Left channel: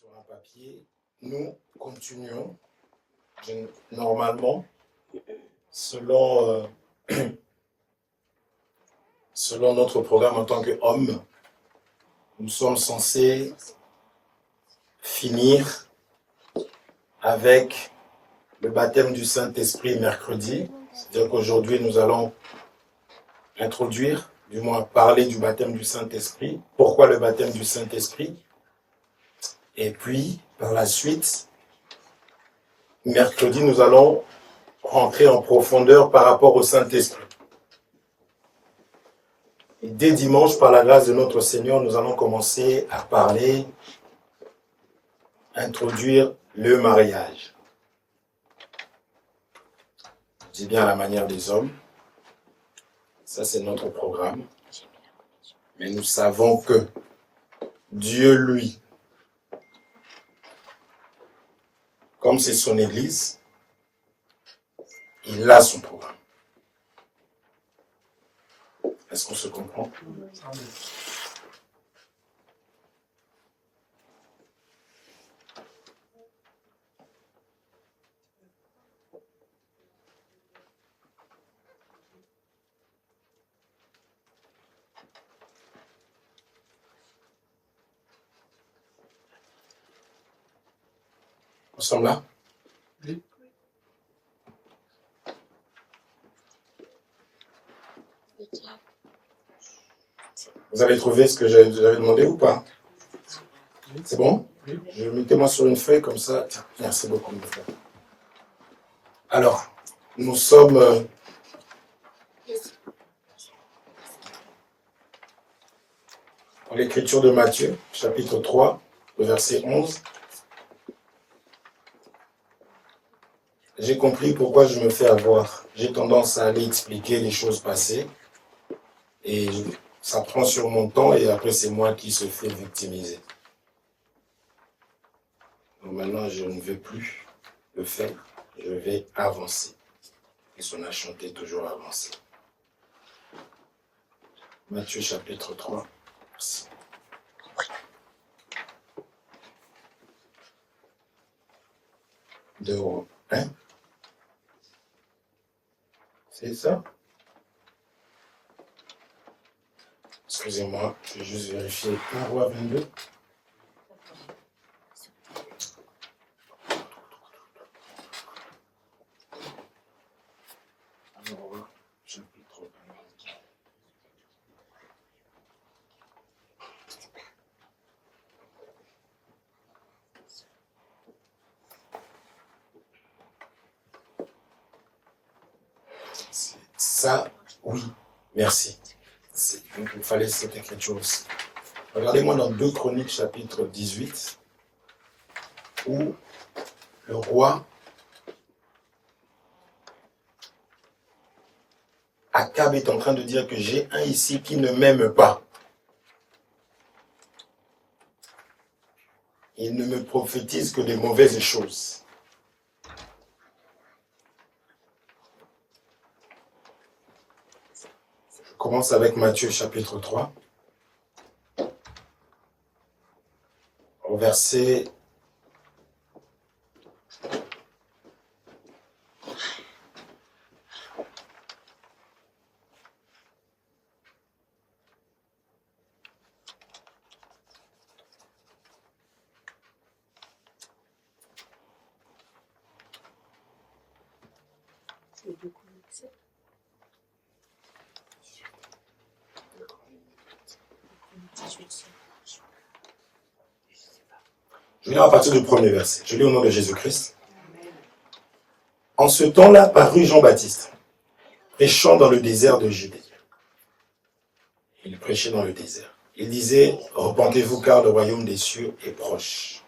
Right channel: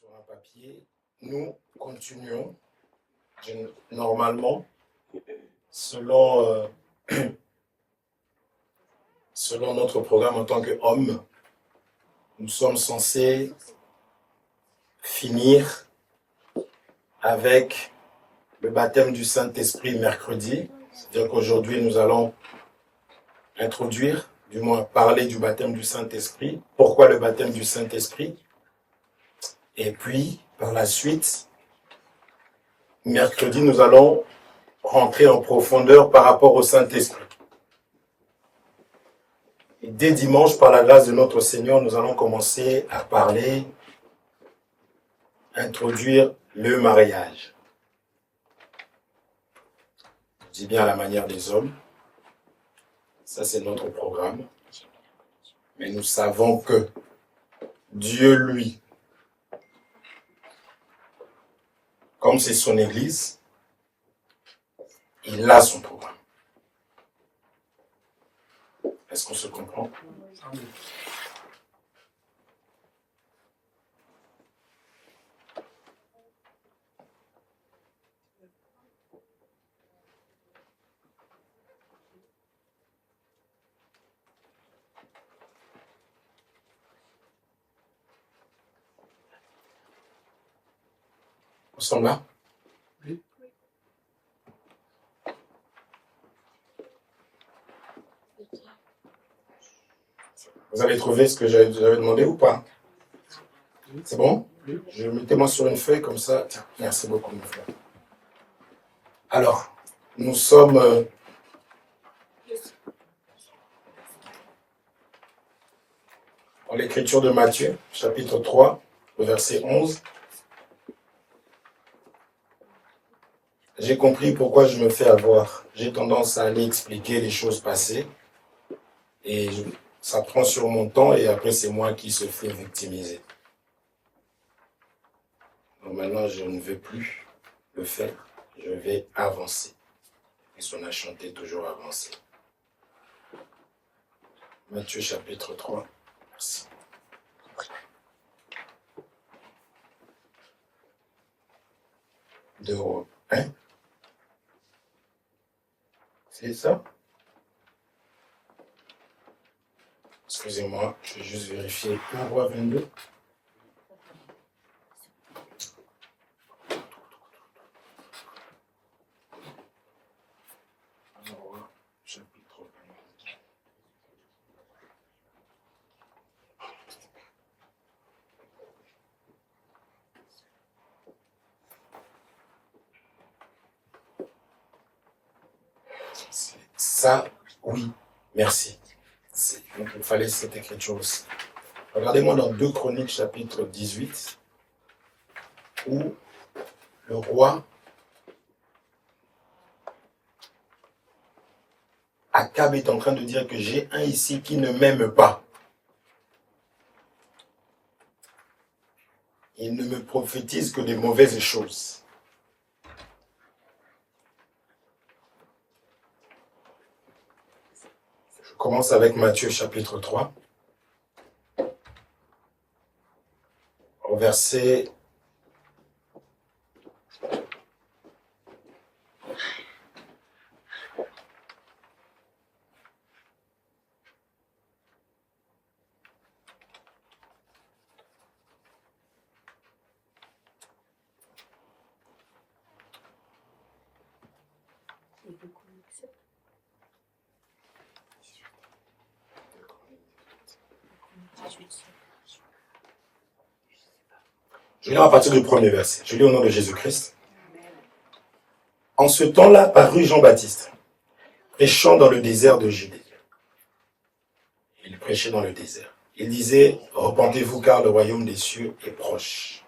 sur un papier. Nous continuons normalement selon notre programme en tant qu'homme. Nous sommes censés finir avec le baptême du Saint-Esprit mercredi. C'est-à-dire qu'aujourd'hui, nous allons introduire, du moins parler du baptême du Saint-Esprit. Pourquoi le baptême du Saint-Esprit? Et puis, par la suite, mercredi, nous allons rentrer en profondeur par rapport au Saint-Esprit. Et dès dimanche, par la grâce de notre Seigneur, nous allons commencer à parler, introduire le mariage. Je dis bien à la manière des hommes. Ça, c'est notre programme. Mais nous savons que Dieu, lui, comme c'est son Église, il a son programme. Est-ce qu'on se comprend? Nous sommes là? Oui. Vous avez trouvé ce que j'avais demandé ou pas? Oui. C'est bon? Oui. Mettez-moi sur une feuille comme ça. Tiens, merci beaucoup. Alors, nous sommes dans l'écriture de Matthieu, chapitre 3, le verset 11. J'ai compris pourquoi je me fais avoir. J'ai tendance à aller expliquer les choses passées. Et ça prend sur mon temps et après c'est moi qui se fais victimiser. Donc maintenant, je ne vais plus le faire. Je vais avancer. Et on a chanté toujours avancer. Matthieu chapitre 3. Merci. De 1. C'est ça? Excusez-moi, je vais juste vérifier. Roi 22. Roi chapitre 22. Ça, oui, merci. Donc, il fallait cette écriture aussi. Regardez-moi dans 2 Chroniques, chapitre 18, où le roi Akab est en train de dire que j'ai un ici qui ne m'aime pas. Il ne me prophétise que des mauvaises choses. Je commence avec Matthieu chapitre 3, au verset 7. Je lis à partir du premier verset. Je lis au nom de Jésus-Christ. En ce temps-là parut Jean-Baptiste, prêchant dans le désert de Judée. Il prêchait dans le désert. Il disait, repentez-vous car le royaume des cieux est proche.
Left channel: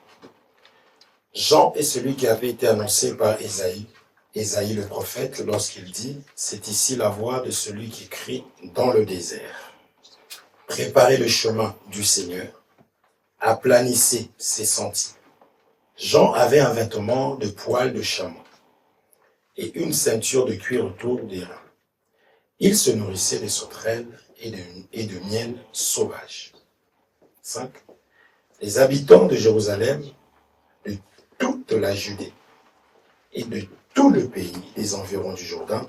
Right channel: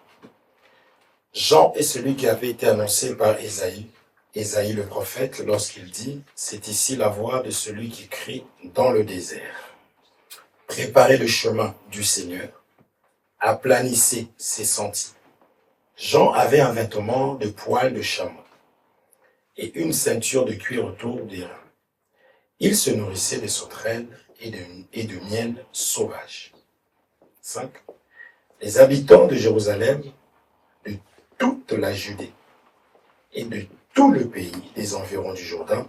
Jean est celui qui avait été annoncé par Ésaïe le prophète, lorsqu'il dit, c'est ici la voix de celui qui crie dans le désert. Préparez le chemin du Seigneur, aplanissez ses sentiers. Jean avait un vêtement de poil de chameau et une ceinture de cuir autour des reins. Il se nourrissait de sauterelles et de miel sauvage. 5. Les habitants de Jérusalem de toute la Judée et de tout le pays des environs du Jourdain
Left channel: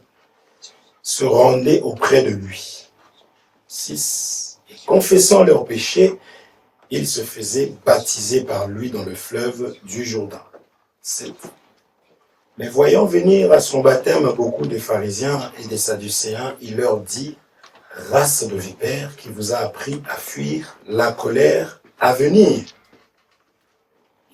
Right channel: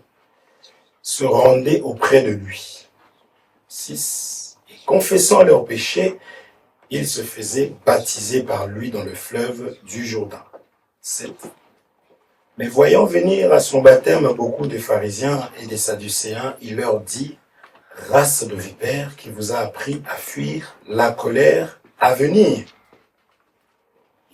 se rendaient auprès de lui. 6. Et confessant leurs péchés, ils se faisaient baptiser par lui dans le fleuve du Jourdain. 7. Mais voyant venir à son baptême beaucoup de pharisiens et des sadducéens, il leur dit: race de vipères, qui vous a appris à fuir la colère à venir.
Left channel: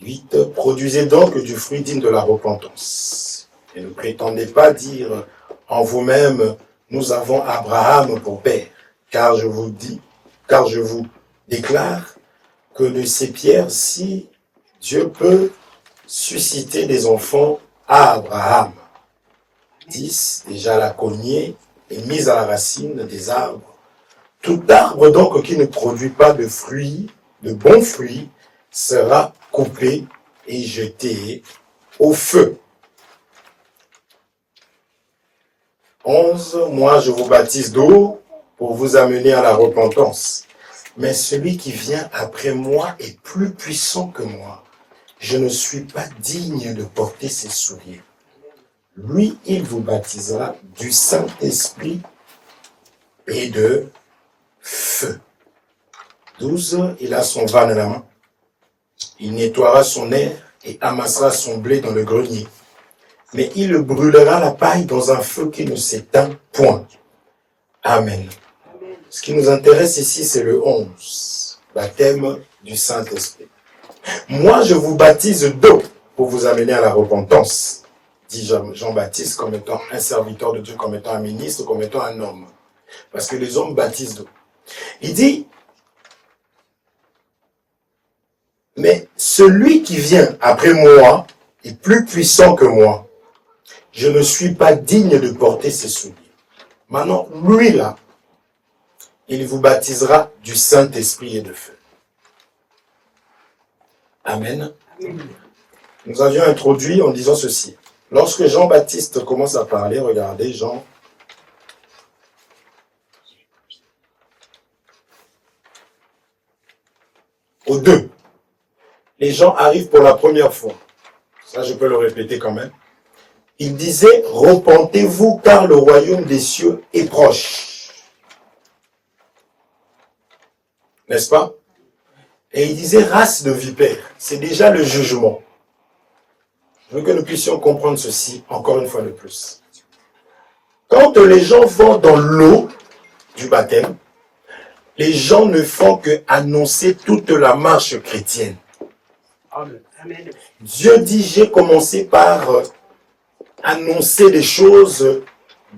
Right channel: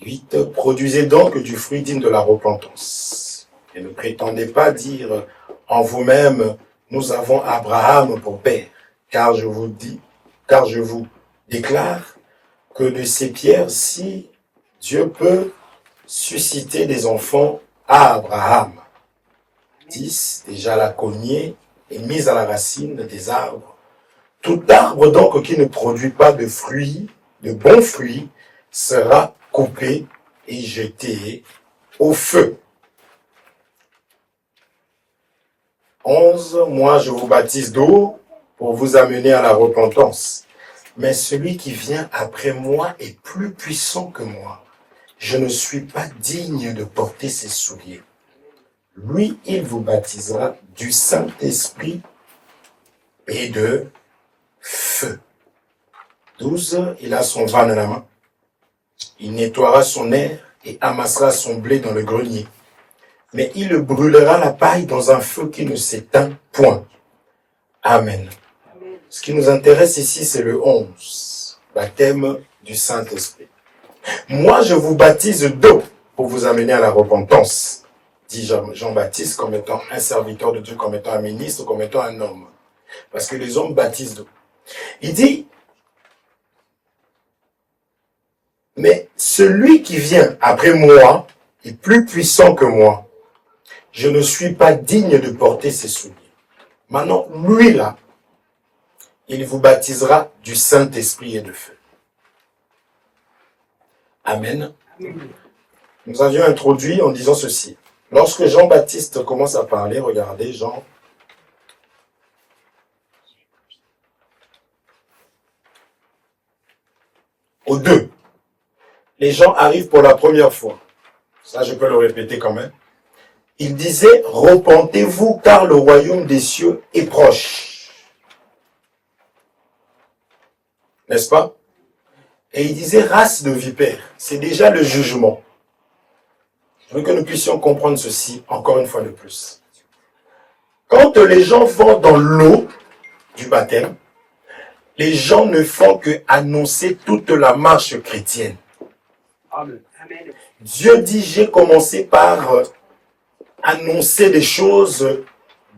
8. Produisez donc du fruit digne de la repentance. Et ne prétendez pas dire en vous-même: nous avons Abraham pour père. Car je vous déclare que de ces pierres-ci, Dieu peut susciter des enfants à Abraham. 10. Déjà la cognée est mise à la racine des arbres. Tout arbre donc qui ne produit pas de fruits, de bons fruits, sera coupé et jeté au feu. 11. Moi je vous baptise d'eau pour vous amener à la repentance. Mais celui qui vient après moi est plus puissant que moi. Je ne suis pas digne de porter ses souliers. Lui, il vous baptisera du Saint-Esprit et de feu. 12. Il a son van à la main. Il nettoiera son aire et amassera son blé dans le grenier. Mais il brûlera la paille dans un feu qui ne s'éteint point. Amen. Ce qui nous intéresse ici, c'est le 11, baptême du Saint-Esprit. Moi, je vous baptise d'eau pour vous amener à la repentance, dit Jean-Baptiste, comme étant un serviteur de Dieu, comme étant un ministre, comme étant un homme. Parce que les hommes baptisent d'eau. Il dit, mais celui qui vient après moi est plus puissant que moi. Je ne suis pas digne de porter ses souliers. Maintenant, lui là, il vous baptisera du Saint-Esprit et de feu. Amen. Nous avions introduit en disant ceci. Lorsque Jean-Baptiste commence à parler, regardez Jean. Au 2. Les gens arrivent pour la première fois. Ça, je peux le répéter quand même. Il disait, repentez-vous car le royaume des cieux est proche. N'est-ce pas? Et il disait race de vipères. C'est déjà le jugement. Je veux que nous puissions comprendre ceci encore une fois de plus. Quand les gens vont dans l'eau du baptême, les gens ne font que annoncer toute la marche chrétienne. Amen. Dieu dit, j'ai commencé par annoncer des choses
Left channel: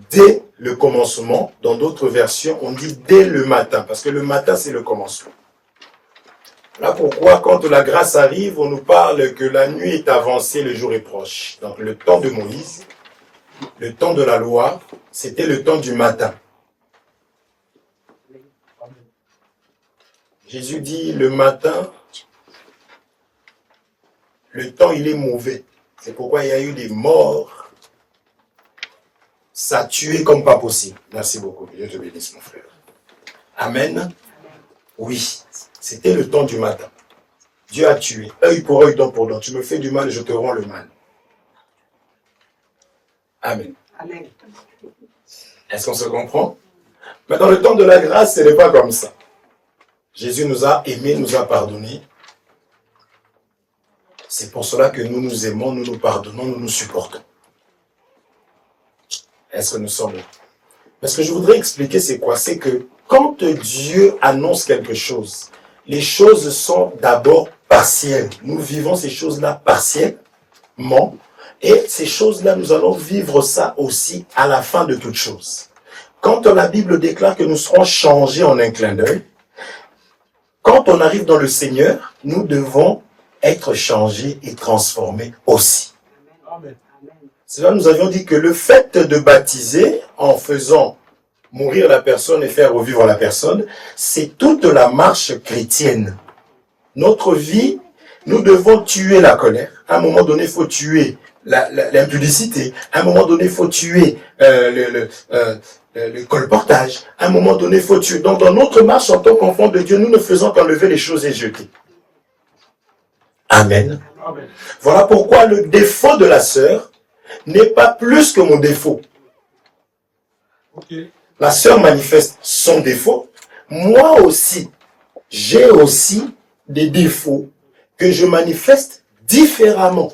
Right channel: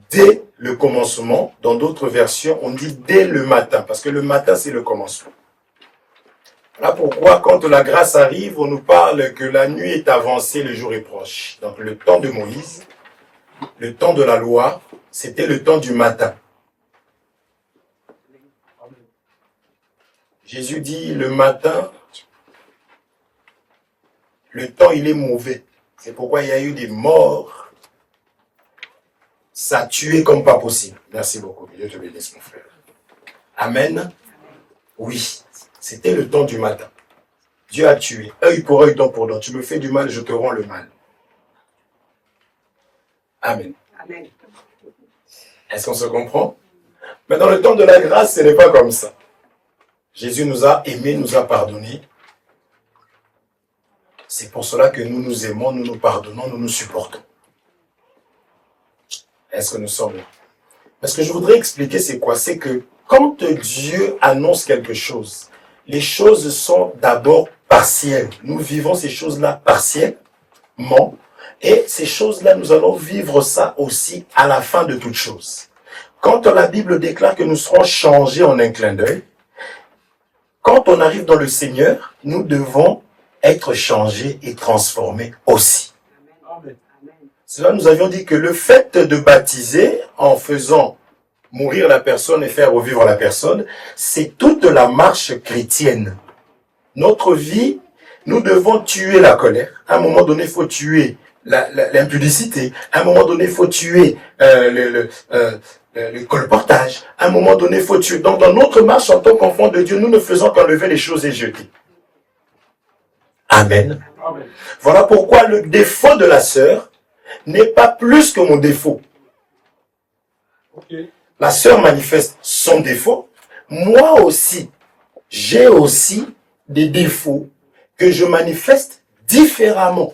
dès le commencement. Dans d'autres versions, on dit dès le matin, parce que le matin, c'est le commencement. Voilà pourquoi, quand la grâce arrive, on nous parle que la nuit est avancée, le jour est proche. Donc, le temps de Moïse, le temps de la loi, c'était le temps du matin. Jésus dit, le matin, le temps, il est mauvais. C'est pourquoi il y a eu des morts. Ça a tué comme pas possible. Merci beaucoup. Dieu te bénisse, mon frère. Amen. Oui, c'était le temps du matin. Dieu a tué. Œil pour œil, dent pour dent. Tu me fais du mal, je te rends le mal. Amen. Amen. Est-ce qu'on se comprend? Mais dans le temps de la grâce, ce n'est pas comme ça. Jésus nous a aimés, nous a pardonnés. C'est pour cela que nous nous aimons, nous nous pardonnons, nous nous supportons. Est-ce que nous sommes là? Mais ce que je voudrais expliquer, c'est quoi? C'est que quand Dieu annonce quelque chose, les choses sont d'abord partielles. Nous vivons ces choses-là partiellement. Et ces choses-là, nous allons vivre ça aussi à la fin de toutes choses. Quand la Bible déclare que nous serons changés en un clin d'œil, quand on arrive dans le Seigneur, nous devons être changés et transformés aussi. Amen. C'est là nous avions dit que le fait de baptiser en faisant mourir la personne et faire revivre la personne, c'est toute la marche chrétienne. Notre vie, nous devons tuer la colère. À un moment donné, il faut tuer l'impudicité. À un moment donné, il faut tuer le colportage. À un moment donné, il faut tuer. Donc, dans notre marche en tant qu'enfant de Dieu, nous ne faisons qu'enlever les choses et jeter. Amen. Amen. Voilà pourquoi le défaut de la sœur n'est pas plus que mon défaut. Ok. La sœur manifeste son défaut. Moi aussi, j'ai aussi des défauts que je manifeste différemment.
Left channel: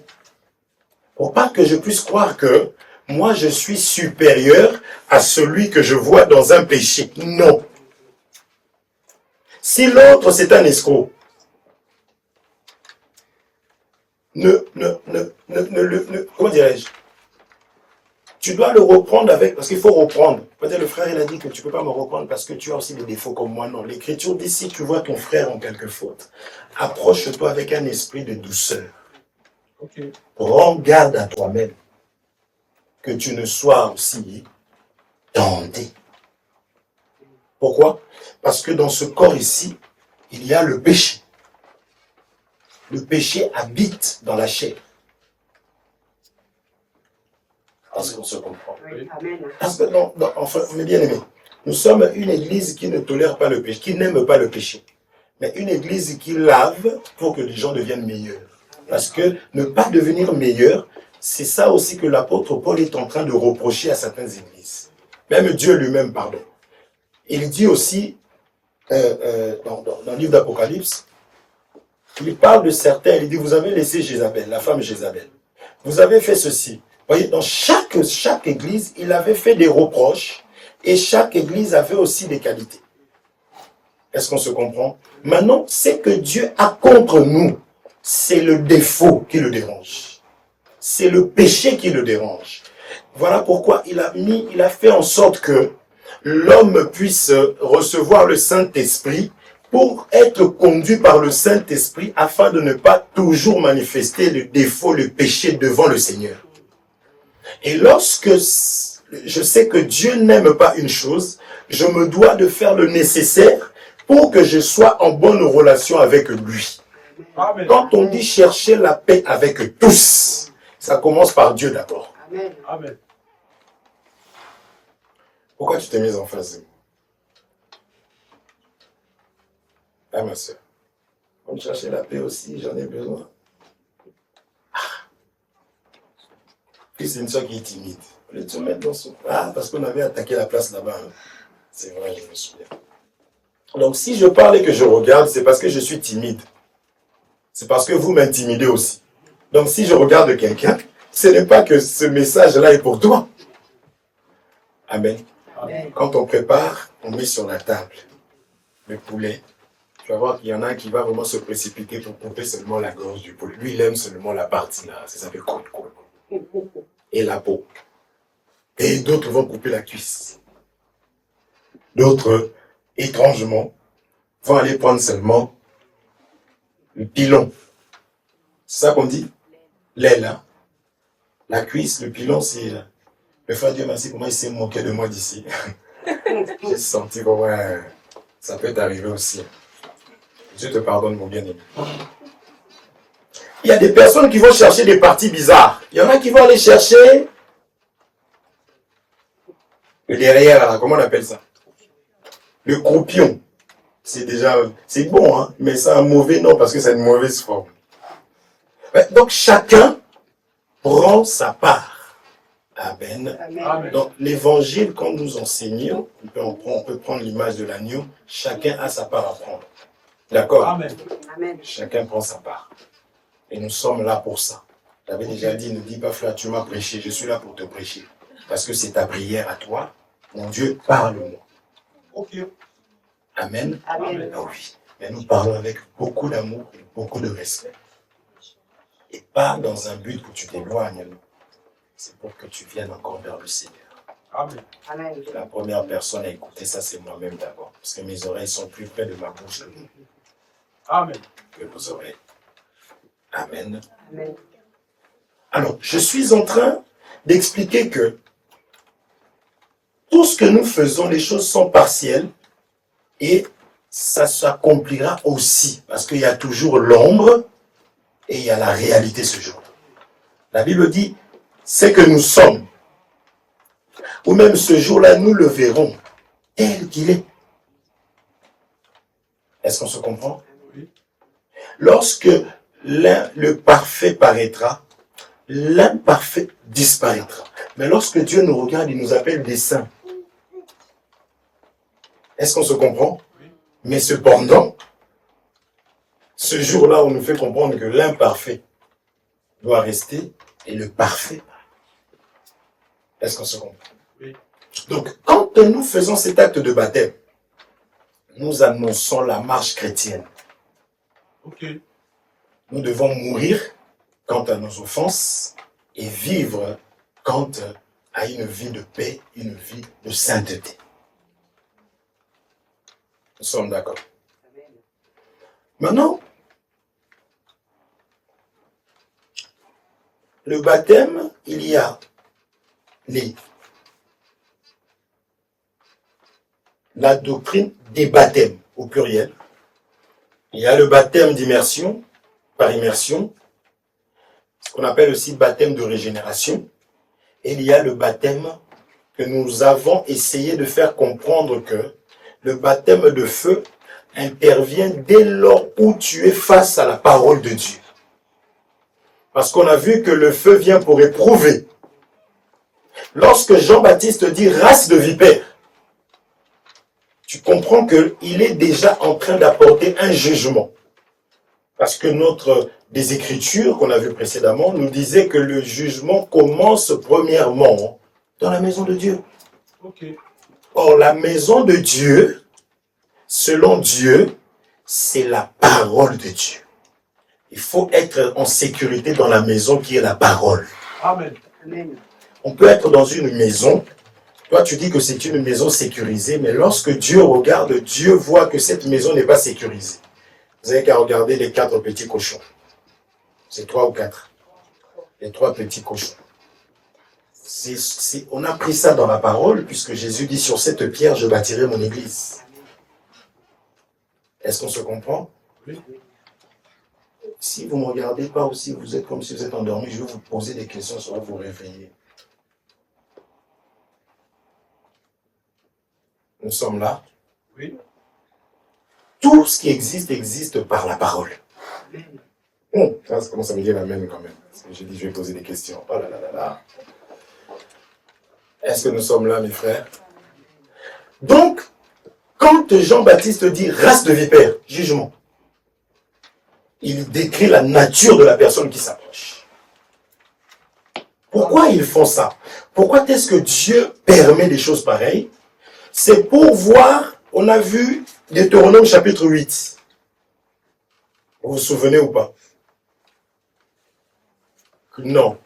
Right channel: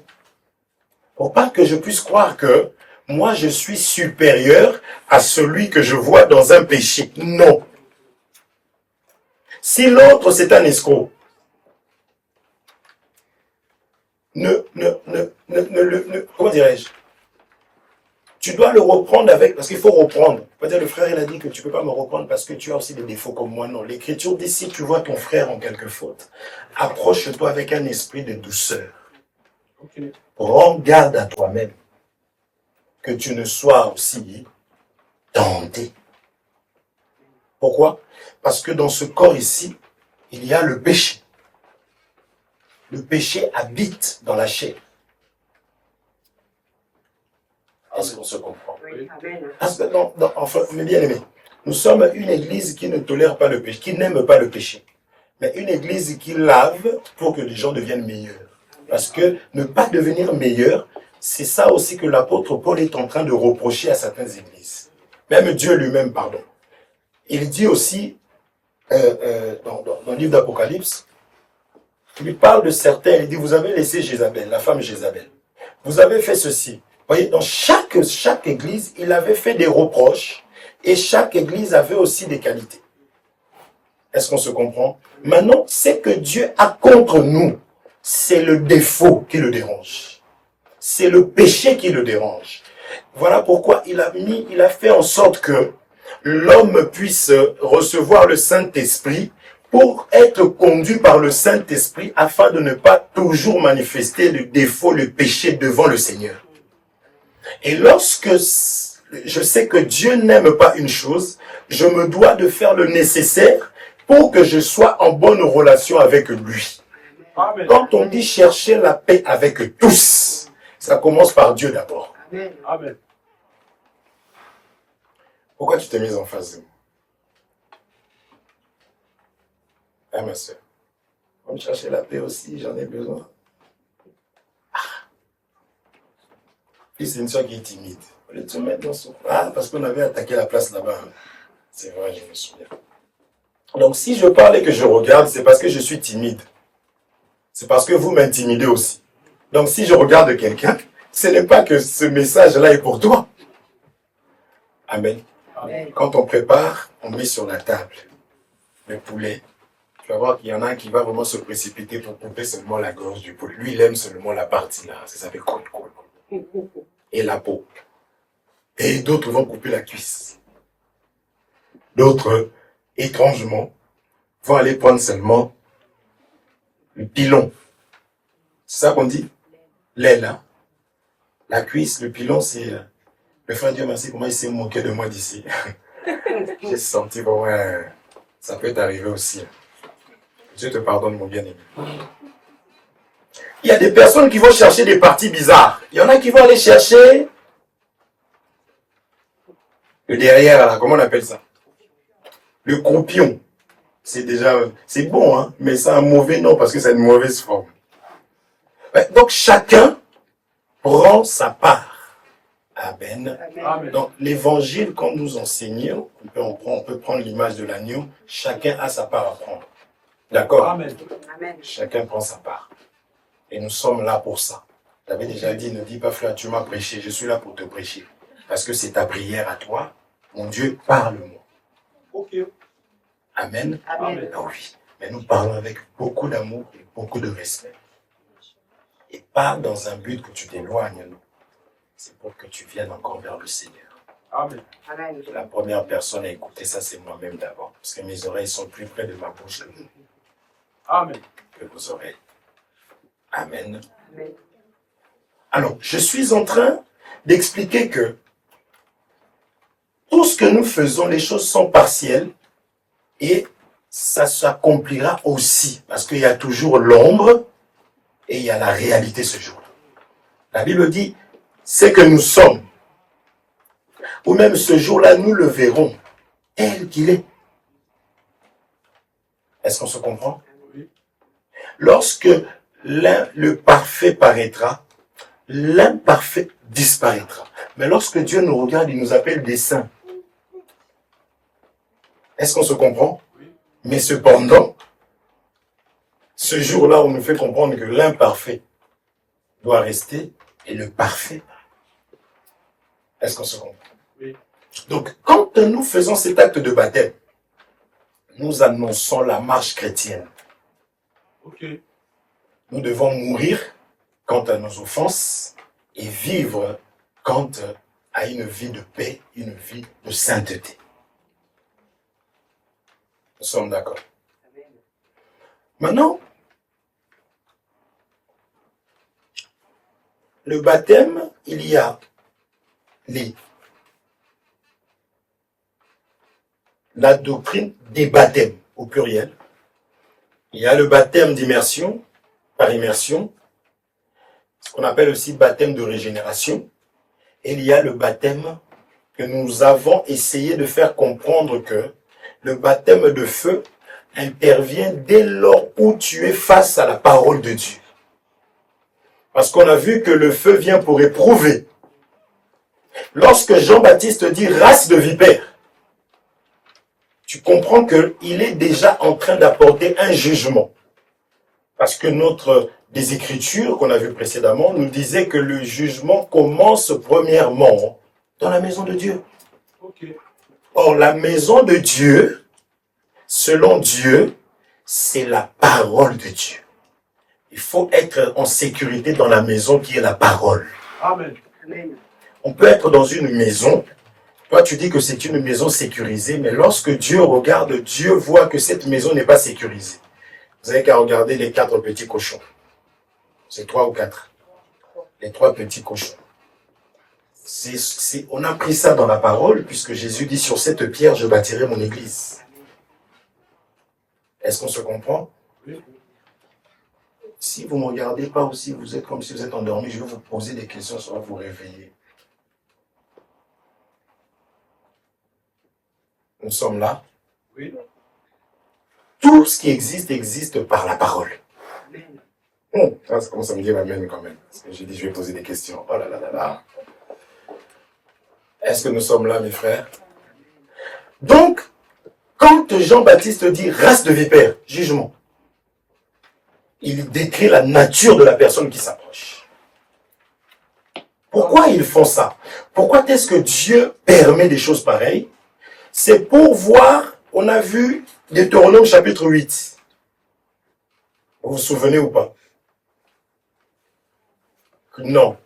Pour pas que je puisse croire que moi je suis supérieur à celui que je vois dans un péché. Non. Si l'autre c'est un escroc, comment dirais-je? Tu dois le reprendre avec, parce qu'il faut reprendre. Peut-être le frère il a dit que tu ne peux pas me reprendre parce que tu as aussi des défauts comme moi. Non, l'Écriture dit si tu vois ton frère en quelque faute, approche-toi avec un esprit de douceur. Ok. Prends garde à toi-même que tu ne sois aussi tenté. Pourquoi? Parce que dans ce corps ici, il y a le péché. Le péché habite dans la chair. Est-ce qu'on se comprend? Oui. Parce que enfin, mes bien-aimés, nous sommes une église qui ne tolère pas le péché, qui n'aime pas le péché. Mais une église qui lave pour que les gens deviennent meilleurs. Parce que ne pas devenir meilleur, c'est ça aussi que l'apôtre Paul est en train de reprocher à certaines églises. Même Dieu lui-même, pardon. Il dit aussi, dans le livre d'Apocalypse, il parle de certains, il dit, vous avez laissé Jézabel, la femme Jézabel. Vous avez fait ceci. Vous voyez, dans chaque église, il avait fait des reproches et chaque église avait aussi des qualités. Est-ce qu'on se comprend? Maintenant, ce que Dieu a contre nous, c'est le défaut qui le dérange. C'est le péché qui le dérange. Voilà pourquoi il a fait en sorte que l'homme puisse recevoir le Saint-Esprit pour être conduit par le Saint-Esprit afin de ne pas toujours manifester le défaut, le péché devant le Seigneur. Et lorsque je sais que Dieu n'aime pas une chose, je me dois de faire le nécessaire pour que je sois en bonne relation avec lui. Amen. Quand on dit chercher la paix avec tous, ça commence par Dieu d'abord. Amen. Amen. Pourquoi tu t'es mise en face de moi? Ah, ma soeur. On me chercher la paix aussi, j'en ai besoin. Puis c'est une soeur qui est timide. On va te mettre dans son... Ah, parce qu'on avait attaqué la place là-bas. C'est vrai, je me souviens. Donc si je parle et que je regarde, c'est parce que je suis timide. C'est parce que vous m'intimidez aussi. Donc si je regarde quelqu'un, ce n'est pas que ce message-là est pour toi. Amen. Amen. Quand on prépare, on met sur la table le poulet. Tu vas voir qu'il y en a un qui va vraiment se précipiter pour couper seulement la gorge du poulet. Lui, il aime seulement la partie là. Ça fait cool. Et la peau. Et d'autres vont couper la cuisse. D'autres, étrangement, vont aller prendre seulement le pilon. C'est ça qu'on dit? L'aile, là. La cuisse, le pilon, c'est... Le frère Dieu merci, comment il s'est moqué de moi d'ici. J'ai senti que ouais, ça peut t'arriver aussi. Dieu te pardonne, mon bien-aimé. Il y a des personnes qui vont chercher des parties bizarres. Il y en a qui vont aller chercher le derrière, là, comment on appelle ça? Le croupion. C'est déjà... C'est bon, hein, mais c'est un mauvais nom parce que c'est une mauvaise forme. Donc, chacun prend sa part. Amen. Amen. Donc, l'évangile, quand nous enseignons, on peut prendre l'image de l'agneau, chacun a sa part à prendre. D'accord? Amen. Amen. Chacun prend sa part. Et nous sommes là pour ça. J'avais déjà dit, ne dis pas frère, tu m'as prêché, je suis là pour te prêcher. Parce que c'est ta prière à toi. Mon Dieu, parle-moi. Ok. Amen. Amen. Ah oui. Mais nous parlons avec beaucoup d'amour et beaucoup de respect. Et pas dans un but que tu t'éloignes, non. C'est pour que tu viennes encore vers le Seigneur. Amen. Amen. La première personne à écouter ça, c'est moi-même d'abord. Parce que mes oreilles sont plus près de ma bouche Amen. que vos oreilles. Amen. Amen. Alors, je suis en train d'expliquer que tout ce que nous faisons, les choses sont partielles et ça s'accomplira aussi. Parce qu'il y a toujours l'ombre et il y a la réalité ce jour-là. La Bible dit, c'est que nous sommes. Ou même ce jour-là, nous le verrons tel qu'il est. Est-ce qu'on se comprend? Oui. Lorsque le parfait paraîtra, l'imparfait disparaîtra. Mais lorsque Dieu nous regarde, il nous appelle des saints. Est-ce qu'on se comprend? Oui. Mais cependant, ce jour-là, on nous fait comprendre que l'imparfait doit rester et le parfait. Est-ce qu'on se comprend? Oui. Donc, quand nous faisons cet acte de baptême, nous annonçons la marche chrétienne. Ok. Nous devons mourir quant à nos offenses et vivre quant à une vie de paix, une vie de sainteté. Nous sommes d'accord. Maintenant, le baptême, il y a la doctrine des baptêmes au pluriel. Il y a le baptême d'immersion, par immersion, ce qu'on appelle aussi baptême de régénération. Et il y a le baptême que nous avons essayé de faire comprendre que le baptême de feu intervient dès lors où tu es face à la parole de Dieu. Parce qu'on a vu que le feu vient pour éprouver. Lorsque Jean-Baptiste dit race de vipères, tu comprends qu'il est déjà en train d'apporter un jugement. Parce que des Écritures qu'on a vues précédemment nous disaient que le jugement commence premièrement dans la maison de Dieu. Ok. Or, la maison de Dieu, selon Dieu, c'est la parole de Dieu. Il faut être en sécurité dans la maison qui est la parole. Amen. Amen. On peut être dans une maison, toi tu dis que c'est une maison sécurisée, mais lorsque Dieu regarde, Dieu voit que cette maison n'est pas sécurisée. Vous n'avez qu'à regarder les 4 petits cochons. C'est 3 ou 4. Les 3 petits cochons. On a pris ça dans la parole, puisque Jésus dit sur cette pierre, je bâtirai mon église. Est-ce qu'on se comprend? Oui. Si vous ne me regardez pas aussi, vous êtes comme si vous êtes endormi, je vais vous poser des questions, ça va vous réveiller. Nous sommes là. Oui. Tout ce qui existe, existe par la parole. Ça commence à me dire l'amen quand même. Parce que j'ai dit, je vais poser des questions. Oh là là là là. Est-ce que nous sommes là, mes frères? Donc, quand Jean-Baptiste dit race de vipères, jugement, il décrit la nature de la personne qui s'approche. Pourquoi ils font ça? Pourquoi est-ce que Dieu permet des choses pareilles? C'est pour voir, on a vu Deutéronome chapitre 8. Vous vous souvenez ou pas? Non.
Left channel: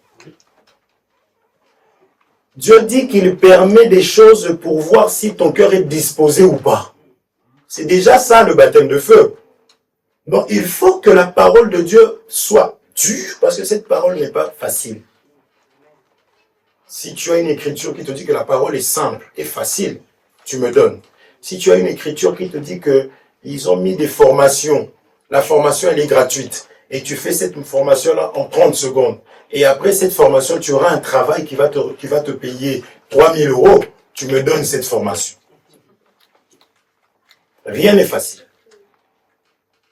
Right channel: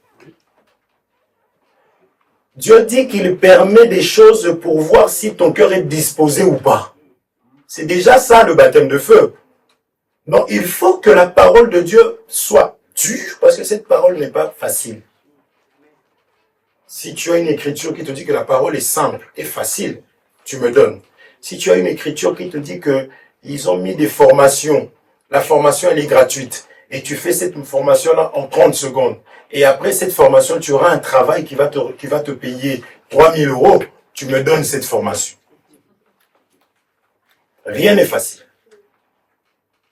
Dieu dit qu'il permet des choses pour voir si ton cœur est disposé ou pas. C'est déjà ça le baptême de feu. Donc il faut que la parole de Dieu soit dure, parce que cette parole n'est pas facile. Si tu as une écriture qui te dit que la parole est simple et facile, tu me donnes. Si tu as une écriture qui te dit qu'ils ont mis des formations, la formation elle est gratuite, et tu fais cette formation-là en 30 secondes, et après cette formation, tu auras un travail qui va te payer 3 000 €, tu me donnes cette formation. Rien n'est facile.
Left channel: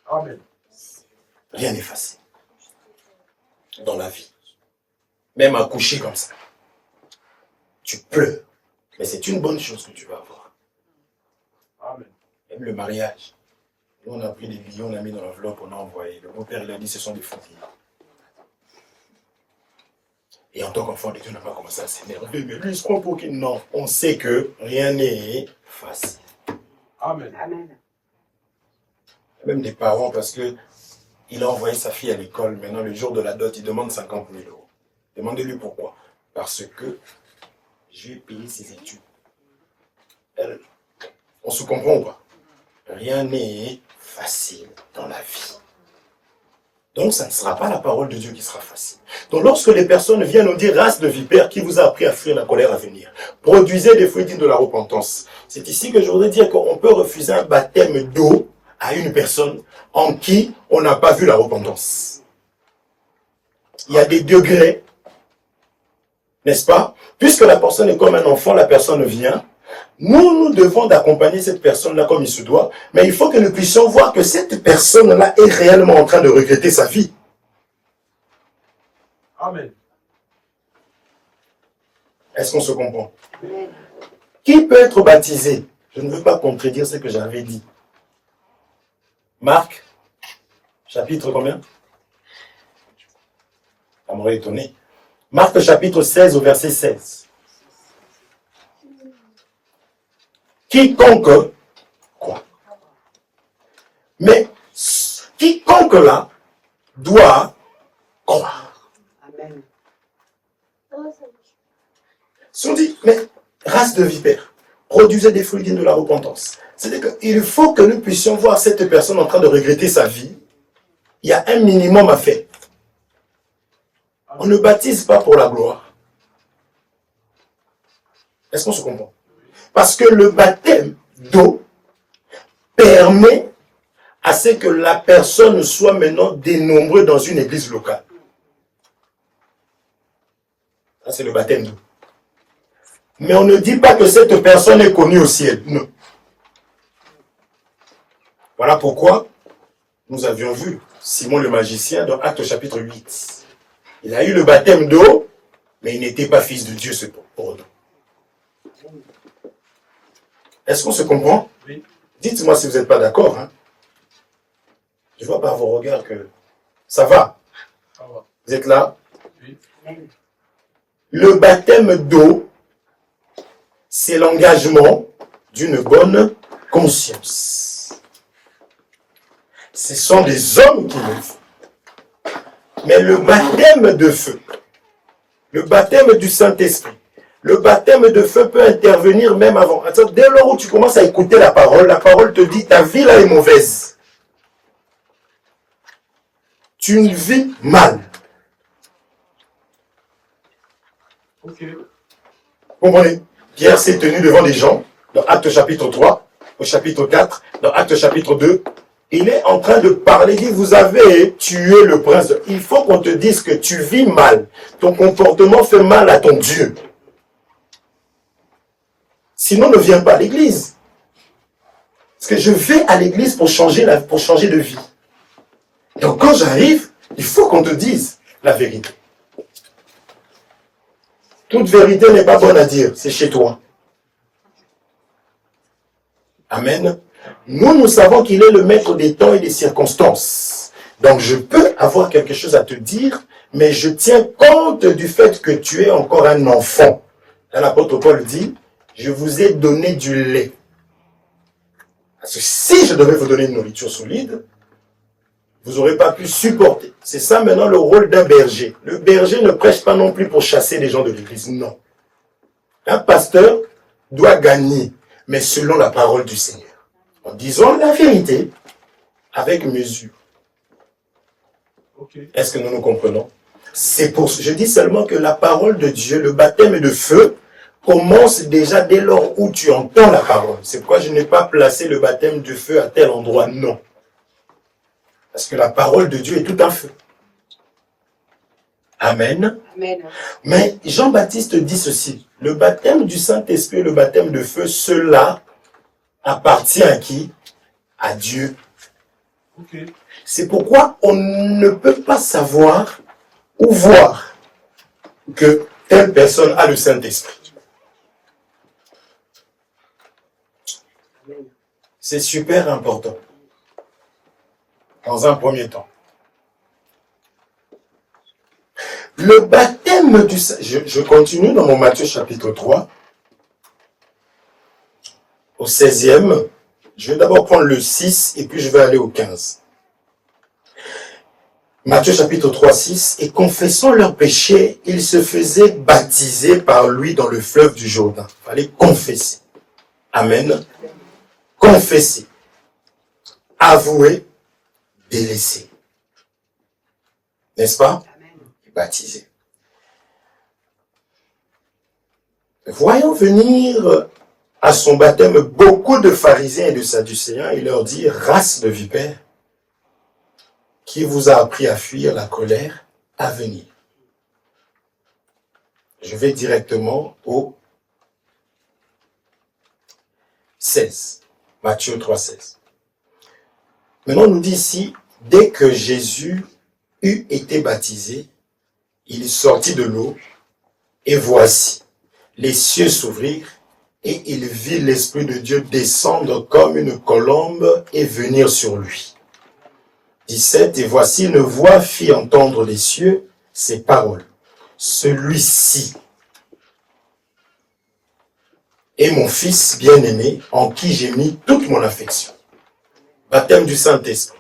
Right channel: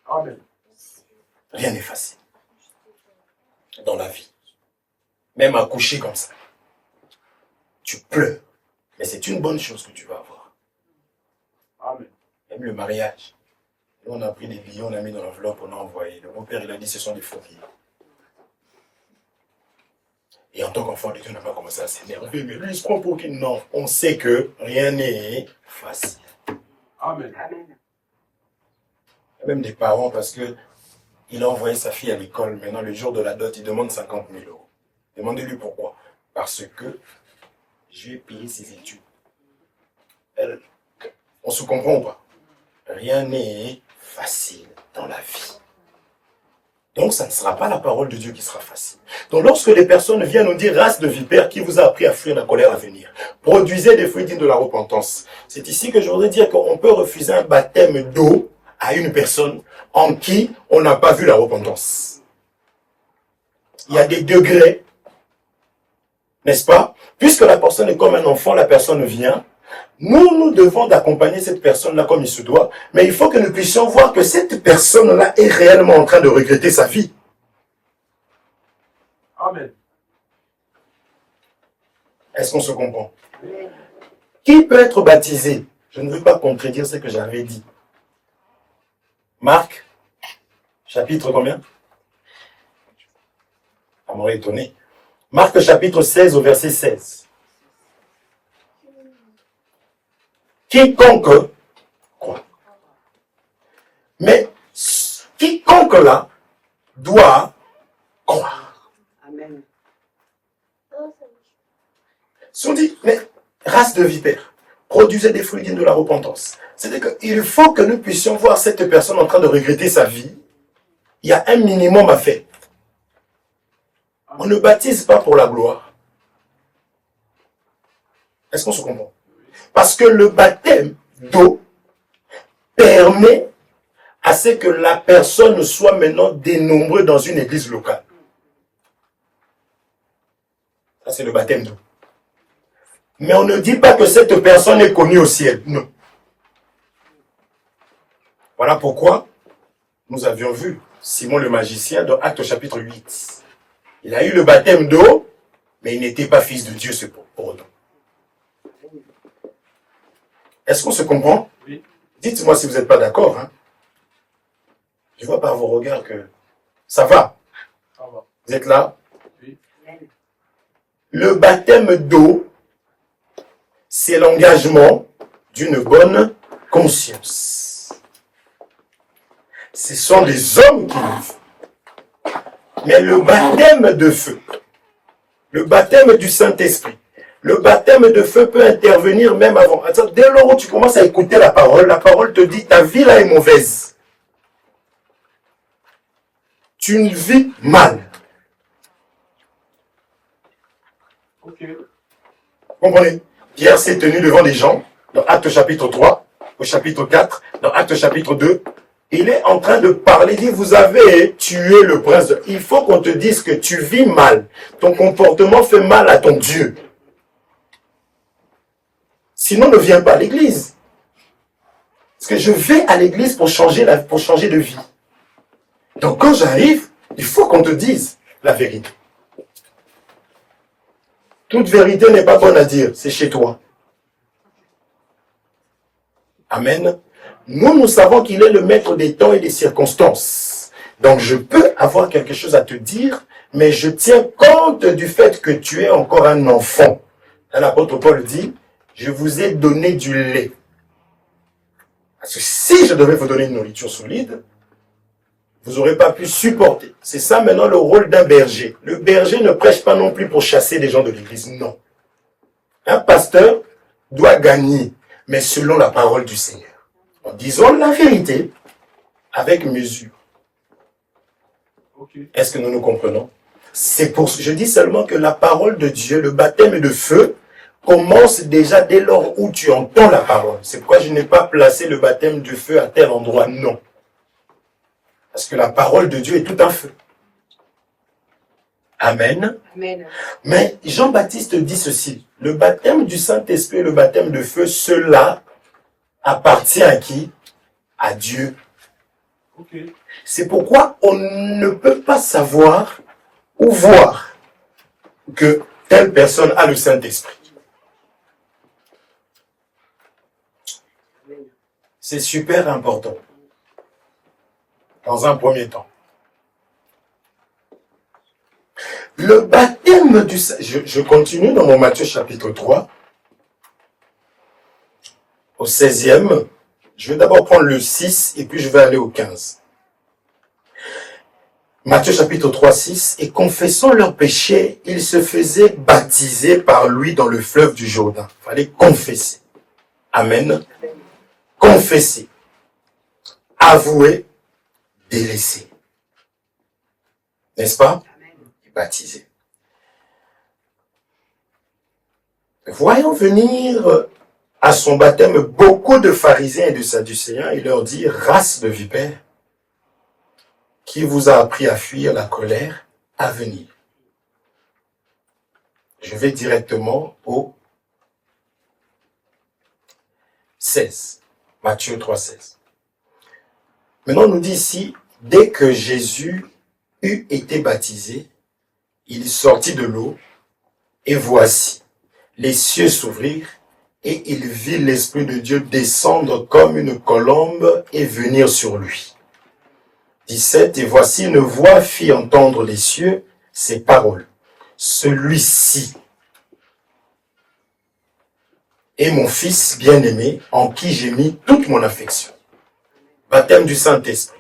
Amen. Rien n'est facile. Dans la vie. Même accoucher comme ça. Tu pleures. Mais c'est une bonne chose que tu vas avoir. Amen. Même le mariage. Nous, on a pris des billets, on a mis dans l'enveloppe, on a envoyé. Le beau-père, il a dit, ce sont des faux billets. Et en tant qu'enfant de Dieu, on n'a pas commencé à s'énerver. Mais lui, il se prend pour qui? Non. On sait que rien n'est facile. Amen. Amen. Même des parents, parce que il a envoyé sa fille à l'école. Maintenant, le jour de la dot, il demande 50 000 €. Demandez-lui pourquoi. Parce que je vais payer ses études. On se comprend ou pas? Rien n'est facile dans la vie. Donc, ça ne sera pas la parole de Dieu qui sera facile. Donc, lorsque les personnes viennent nous dire, race de vipère, qui vous a appris à fuir la colère à venir, produisez des fruits dignes de la repentance. C'est ici que je voudrais dire qu'on peut refuser un baptême d'eau à une personne en qui on n'a pas vu la repentance. Il y a des degrés, n'est-ce pas? Puisque la personne est comme un enfant, la personne vient. Nous devons d'accompagner cette personne-là comme il se doit, mais il faut que nous puissions voir que cette personne-là est réellement en train de regretter sa vie. Amen. Est-ce qu'on se comprend? Qui peut être baptisé? Je ne veux pas contredire ce que j'avais dit. Marc, chapitre combien? Ça m'aurait étonné. Marc chapitre 16 au verset 16. Quiconque croit. Mais quiconque là doit croire. Amen. Si on dit, mais race de vipères, produisez des fruits dignes de la repentance. C'est-à-dire qu'il faut que nous puissions voir cette personne en train de regretter sa vie. Il y a un minimum à faire. On ne baptise pas pour la gloire. Est-ce qu'on se comprend? Parce que le baptême d'eau permet à ce que la personne soit maintenant dénombrée dans une église locale. Ça, c'est le baptême d'eau. Mais on ne dit pas que cette personne est connue au ciel. Non. Voilà pourquoi nous avions vu Simon le magicien dans Actes chapitre 8. Il a eu le baptême d'eau, mais il n'était pas fils de Dieu pour autant. Est-ce qu'on se comprend? Oui. Dites-moi si vous n'êtes pas d'accord. Hein? Je vois par vos regards que ça va. Ça va. Vous êtes là? Oui. Le baptême d'eau, c'est l'engagement d'une bonne conscience. Ce sont des hommes qui le font. Mais le baptême de feu, le baptême du Saint-Esprit, le baptême de feu peut intervenir même avant. Attends, dès lors où tu commences à écouter la parole te dit ta vie là est mauvaise. Tu vis mal. Ok. Comprenez? Pierre s'est tenu devant des gens, dans Actes chapitre 3, au chapitre 4, dans Actes chapitre 2. Il est en train de parler, il dit, vous avez tué le prince. Il faut qu'on te dise que tu vis mal. Ton comportement fait mal à ton Dieu. Sinon, ne viens pas à l'église. Parce que je vais à l'église pour changer de vie. Donc quand j'arrive, il faut qu'on te dise la vérité. Toute vérité n'est pas bonne à dire, c'est chez toi. Amen. Nous savons qu'il est le maître des temps et des circonstances. Donc je peux avoir quelque chose à te dire, mais je tiens compte du fait que tu es encore un enfant. Là, l'apôtre Paul dit, je vous ai donné du lait. Parce que si je devais vous donner une nourriture solide, vous n'aurez pas pu supporter. C'est ça maintenant le rôle d'un berger. Le berger ne prêche pas non plus pour chasser les gens de l'église, non. Un pasteur doit gagner, mais selon la parole du Seigneur. En disant la vérité avec mesure. Okay. Est-ce que nous nous comprenons? C'est pour je dis seulement que la parole de Dieu, le baptême de feu, commence déjà dès lors où tu entends la parole. C'est pourquoi je n'ai pas placé le baptême de feu à tel endroit, non. Parce que la parole de Dieu est tout un feu. Amen. Amen. Mais Jean-Baptiste dit ceci, le baptême du Saint-Esprit et le baptême de feu, cela appartient à qui? À Dieu. Okay. C'est pourquoi on ne peut pas savoir ou voir que telle personne a le Saint-Esprit. C'est super important. Dans un premier temps. Le baptême du Saint-Esprit, je continue dans mon Matthieu chapitre 3, au 16e. Je vais d'abord prendre le 6 et puis je vais aller au 15. Matthieu chapitre 3, 6. Et confessant leurs péchés, ils se faisaient baptiser par lui dans le fleuve du Jourdain. Il fallait confesser. Amen. Confesser. Avouer. Délaisser. N'est-ce pas? Et baptiser. Voyant venir à son baptême beaucoup de pharisiens et de sadducéens, il leur dit, race de vipères, qui vous a appris à fuir la colère à venir. Je vais directement au 16. Matthieu 3, 16. Maintenant, on nous dit ici, dès que Jésus eut été baptisé, il sortit de l'eau, et voici, les cieux s'ouvrirent, et il vit l'Esprit de Dieu descendre comme une colombe et venir sur lui. 17, et voici une voix fit entendre les cieux ces paroles. Celui-ci est mon Fils bien-aimé, en qui j'ai mis toute mon affection. Baptême du Saint-Esprit.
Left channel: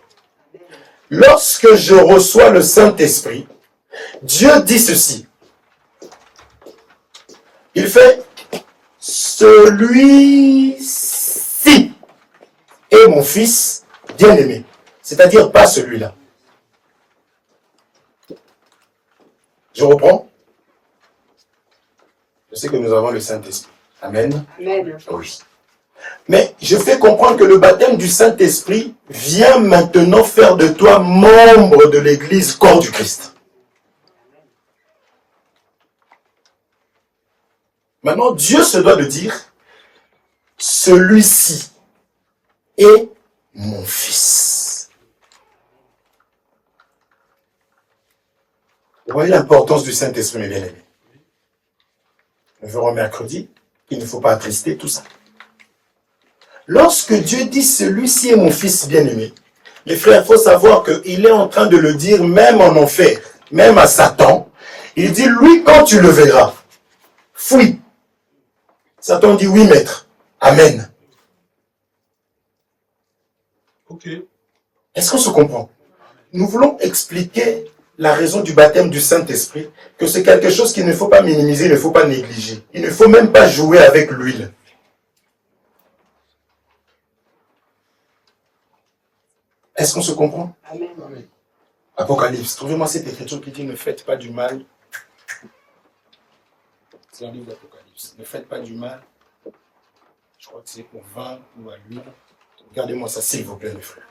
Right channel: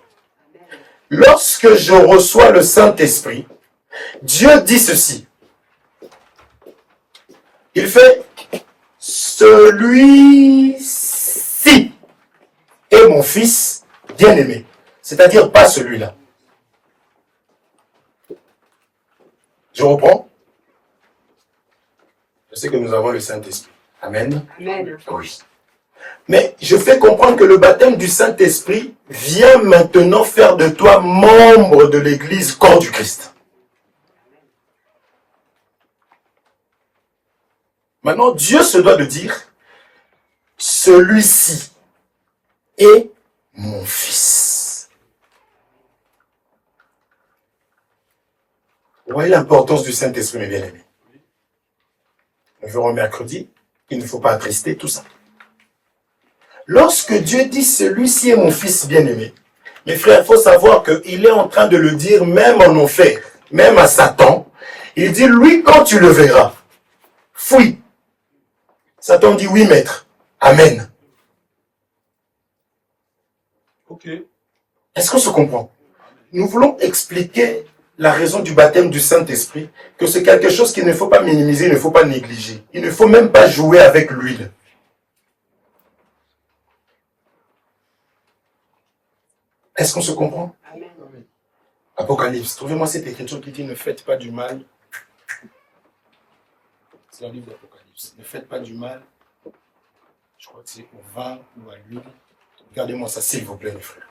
Lorsque je reçois le Saint-Esprit, Dieu dit ceci. Il fait celui-ci est mon Fils bien-aimé. C'est-à-dire pas celui-là. Je reprends. Je sais que nous avons le Saint-Esprit. Amen. Amen. Oui. Mais je fais comprendre que le baptême du Saint-Esprit vient maintenant faire de toi membre de l'Église, corps du Christ. Maintenant, Dieu se doit de dire, celui-ci est mon Fils. Vous voyez l'importance du Saint-Esprit, mes bien-aimés. Nous verrons mercredi, il ne faut pas attrister tout ça. Lorsque Dieu dit, celui-ci est mon Fils bien-aimé, mes frères, il faut savoir qu'il est en train de le dire même en enfer, même à Satan. Il dit, lui, quand tu le verras, fuis. Satan dit, oui, maître. Amen. Ok. Est-ce qu'on se comprend? Nous voulons expliquer la raison du baptême du Saint-Esprit, que c'est quelque chose qu'il ne faut pas minimiser, il ne faut pas négliger. Il ne faut même pas jouer avec l'huile. Est-ce qu'on se comprend? Amen. Apocalypse. Trouvez-moi cette écriture qui dit ne faites pas du mal. C'est un livre d'Apocalypse. Ne faites pas du mal. Je crois que c'est au vin ou à l'huile. Regardez-moi ça, s'il vous plaît, mes frères.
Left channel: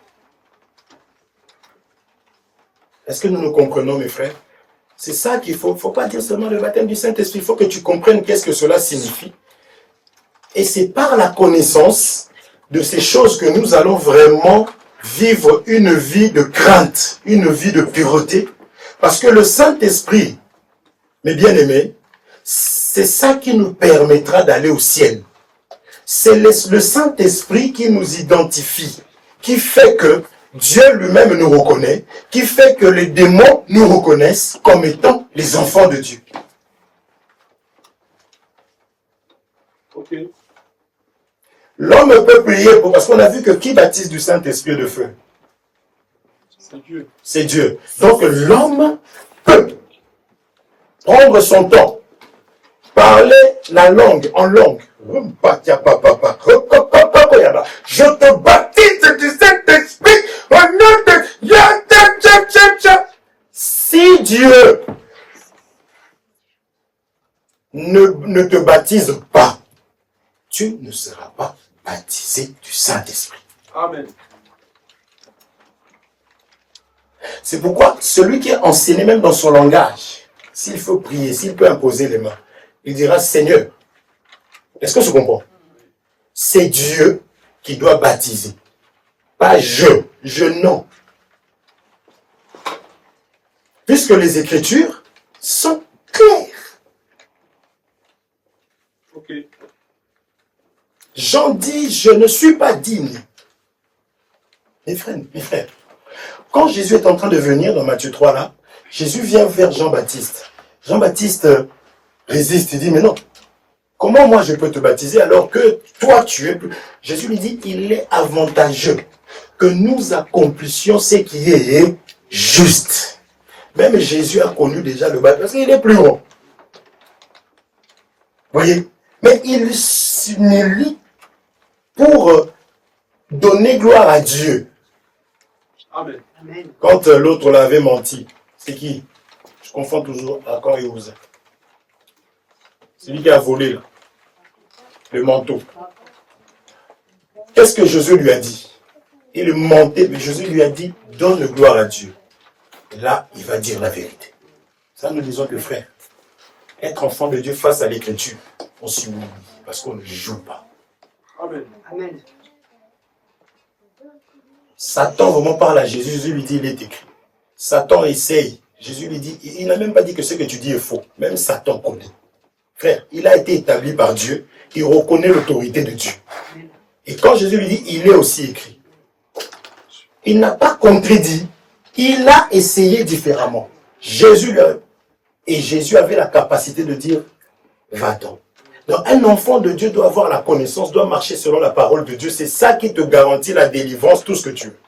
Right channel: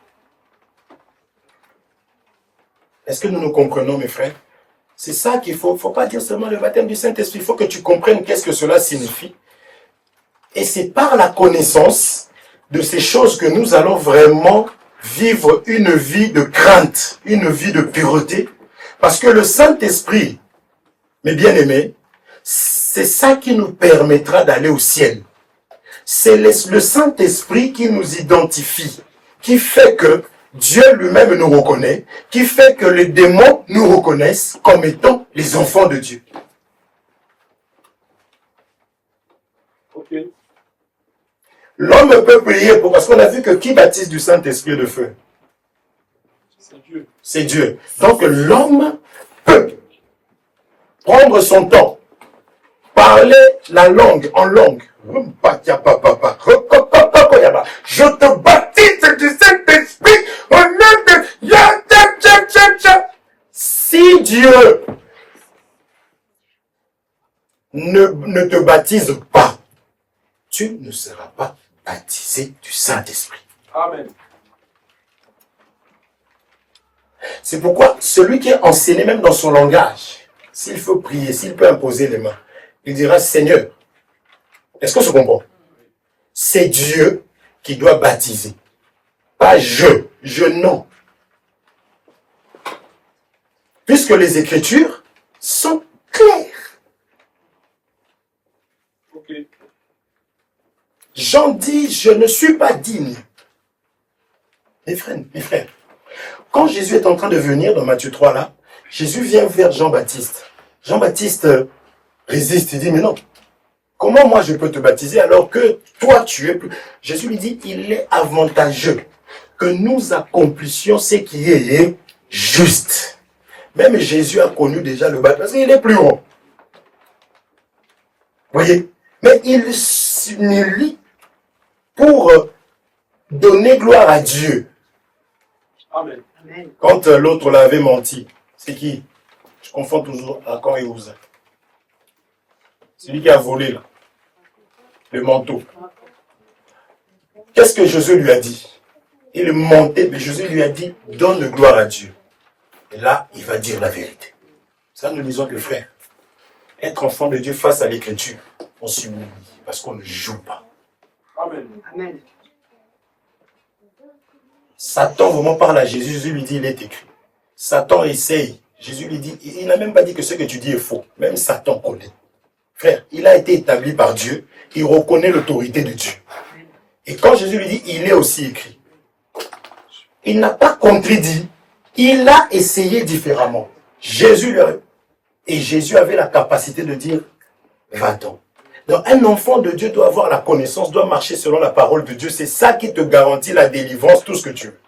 Est-ce que nous nous comprenons, mes frères? C'est ça qu'il faut. Il ne faut pas dire seulement le baptême du Saint-Esprit. Il faut que tu comprennes qu'est-ce que cela signifie. Et c'est par la connaissance de ces choses que nous allons vraiment vivre une vie de crainte, une vie de pureté. Parce que le Saint-Esprit, mes bien-aimés, c'est ça qui nous permettra d'aller au ciel. C'est le Saint-Esprit qui nous identifie, qui fait que Dieu lui-même nous reconnaît, qui fait que les démons nous reconnaissent comme étant les enfants de Dieu. Ok. L'homme peut prier parce qu'on a vu que qui baptise du Saint-Esprit et de feu? C'est Dieu. C'est Dieu. Donc l'homme peut prendre son temps, parler la langue en langue. Je te baptise du Saint-Esprit au nom de... Si Dieu ne te baptise pas, tu ne seras pas baptisé du Saint-Esprit. Amen. C'est pourquoi celui qui est enseigné même dans son langage, s'il faut prier, s'il peut imposer les mains, il dira Seigneur. Est-ce qu'on se comprend? C'est Dieu qui doit baptiser. Pas je non. Puisque les Écritures sont claires. Ok. Jean dit, je ne suis pas digne. Mes frères, quand Jésus est en train de venir dans Matthieu 3 là, Jésus vient vers Jean-Baptiste. Jean-Baptiste résiste, il dit, mais non, comment moi je peux te baptiser alors que toi tu es plus... Jésus lui dit, il est avantageux que nous accomplissions ce qui est juste. Même Jésus a connu déjà le baptême parce qu'il est plus grand. Voyez? Mais il s'humilie pour donner gloire à Dieu. Amen. Amen. Quand l'autre l'avait menti, c'est qui? Je confonds toujours Achan et Uza. C'est lui qui a volé là, le manteau. Qu'est-ce que Jésus lui a dit? Il mentait, mais Jésus lui a dit, donne gloire à Dieu. Et là, il va dire la vérité. Ça, nous disons que frère, être enfant de Dieu face à l'écriture, on s'humilie parce qu'on ne joue pas. Amen. Amen. Satan vraiment parle à Jésus, Jésus lui dit, il est écrit. Satan essaye Jésus lui dit, il n'a même pas dit que ce que tu dis est faux. Même Satan connaît. Frère, il a été établi par Dieu. Il reconnaît l'autorité de Dieu. Et quand Jésus lui dit, il est aussi écrit. Il n'a pas contredit. Il a essayé différemment. Jésus avait la capacité de dire, va-t'en. Donc un enfant de Dieu doit avoir la connaissance, doit marcher selon la parole de Dieu. C'est ça qui te garantit la délivrance, tout ce que tu veux.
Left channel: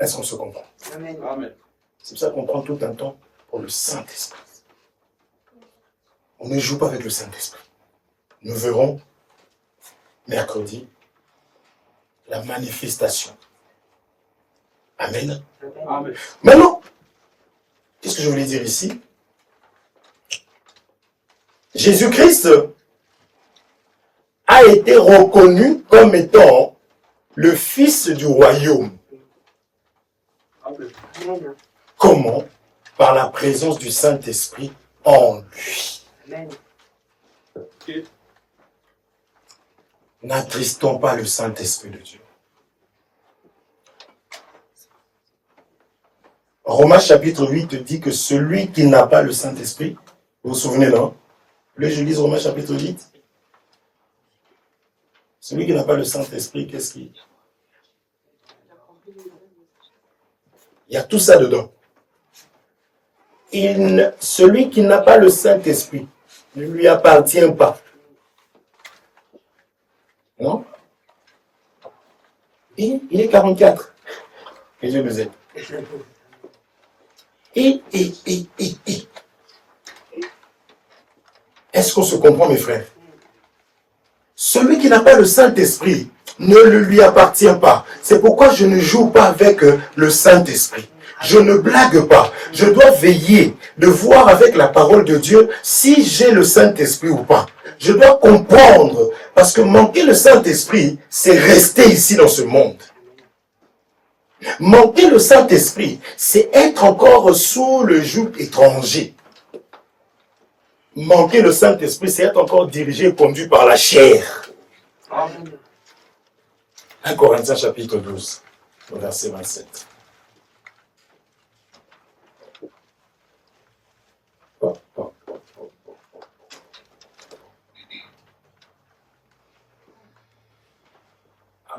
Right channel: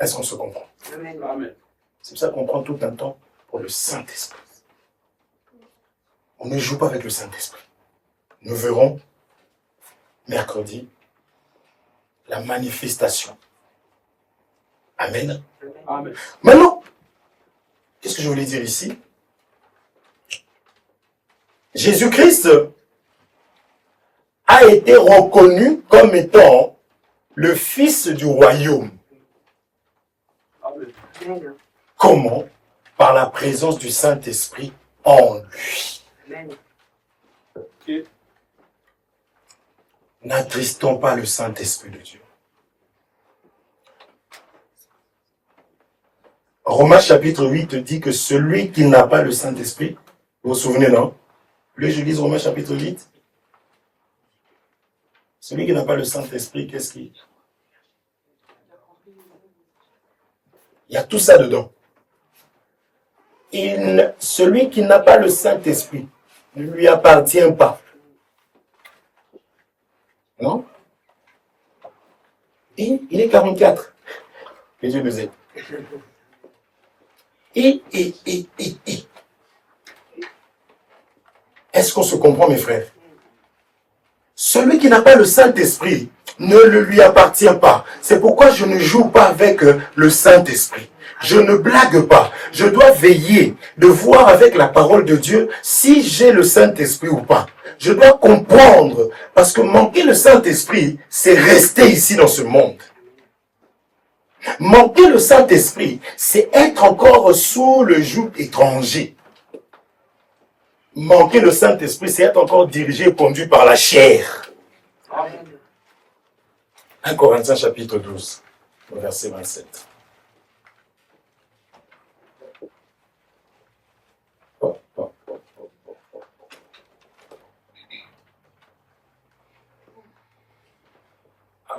Est-ce qu'on se comprend? Amen. C'est pour ça qu'on prend tout un temps pour le Saint-Esprit. On ne joue pas avec le Saint-Esprit. Nous verrons mercredi la manifestation. Amen. Amen. Maintenant, qu'est-ce que je voulais dire ici? Jésus-Christ a été reconnu comme étant le Fils du royaume. Amen. Comment? Par la présence du Saint-Esprit en lui. Ok. N'attristons pas le Saint-Esprit de Dieu. Romains chapitre 8 dit que celui qui n'a pas le Saint-Esprit, vous vous souvenez, non? Là, je lis Romains chapitre 8. Celui qui n'a pas le Saint-Esprit, qu'est-ce qu'il y a? Il y a tout ça dedans. Celui qui n'a pas le Saint-Esprit ne lui appartient pas. Non? Et il est 44. Que Dieu nous aide. Est-ce qu'on se comprend, mes frères? Celui qui n'a pas le Saint-Esprit ne le lui appartient pas. C'est pourquoi je ne joue pas avec le Saint-Esprit. Je ne blague pas. Je dois veiller de voir avec la parole de Dieu si j'ai le Saint-Esprit ou pas. Je dois comprendre, parce que manquer le Saint-Esprit, c'est rester ici dans ce monde. Manquer le Saint-Esprit, c'est être encore sous le joug étranger. Manquer le Saint-Esprit, c'est être encore dirigé et conduit par la chair. 1 Corinthiens chapitre 12, verset 27.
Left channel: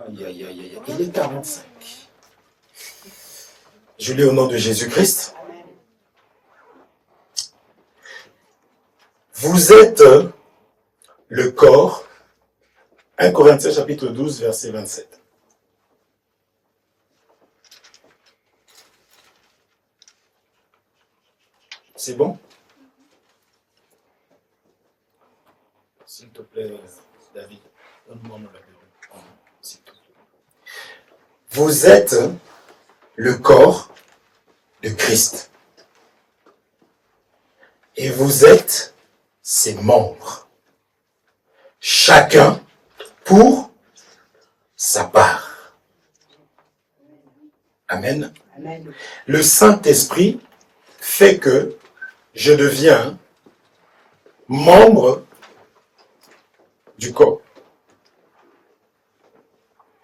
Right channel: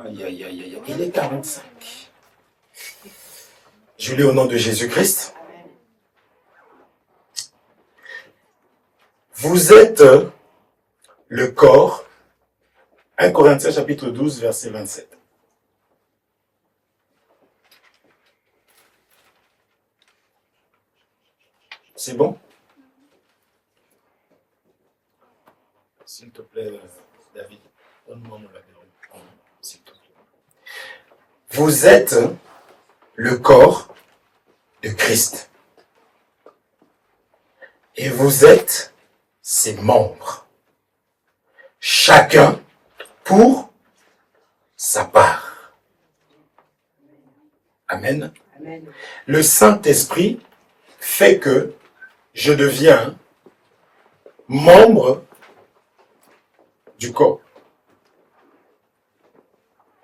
Aïe, aïe, aïe, aïe. Il est 45. Je lis au nom de Jésus-Christ. Vous êtes le corps. 1 Corinthiens chapitre 12, verset 27. C'est bon? S'il te plaît, David, donne-moi mon label. S'il te plaît. Vous êtes le corps de Christ. Et vous êtes ses membres. Chacun pour sa part. Amen. Amen. Le Saint-Esprit fait que je deviens membre du corps.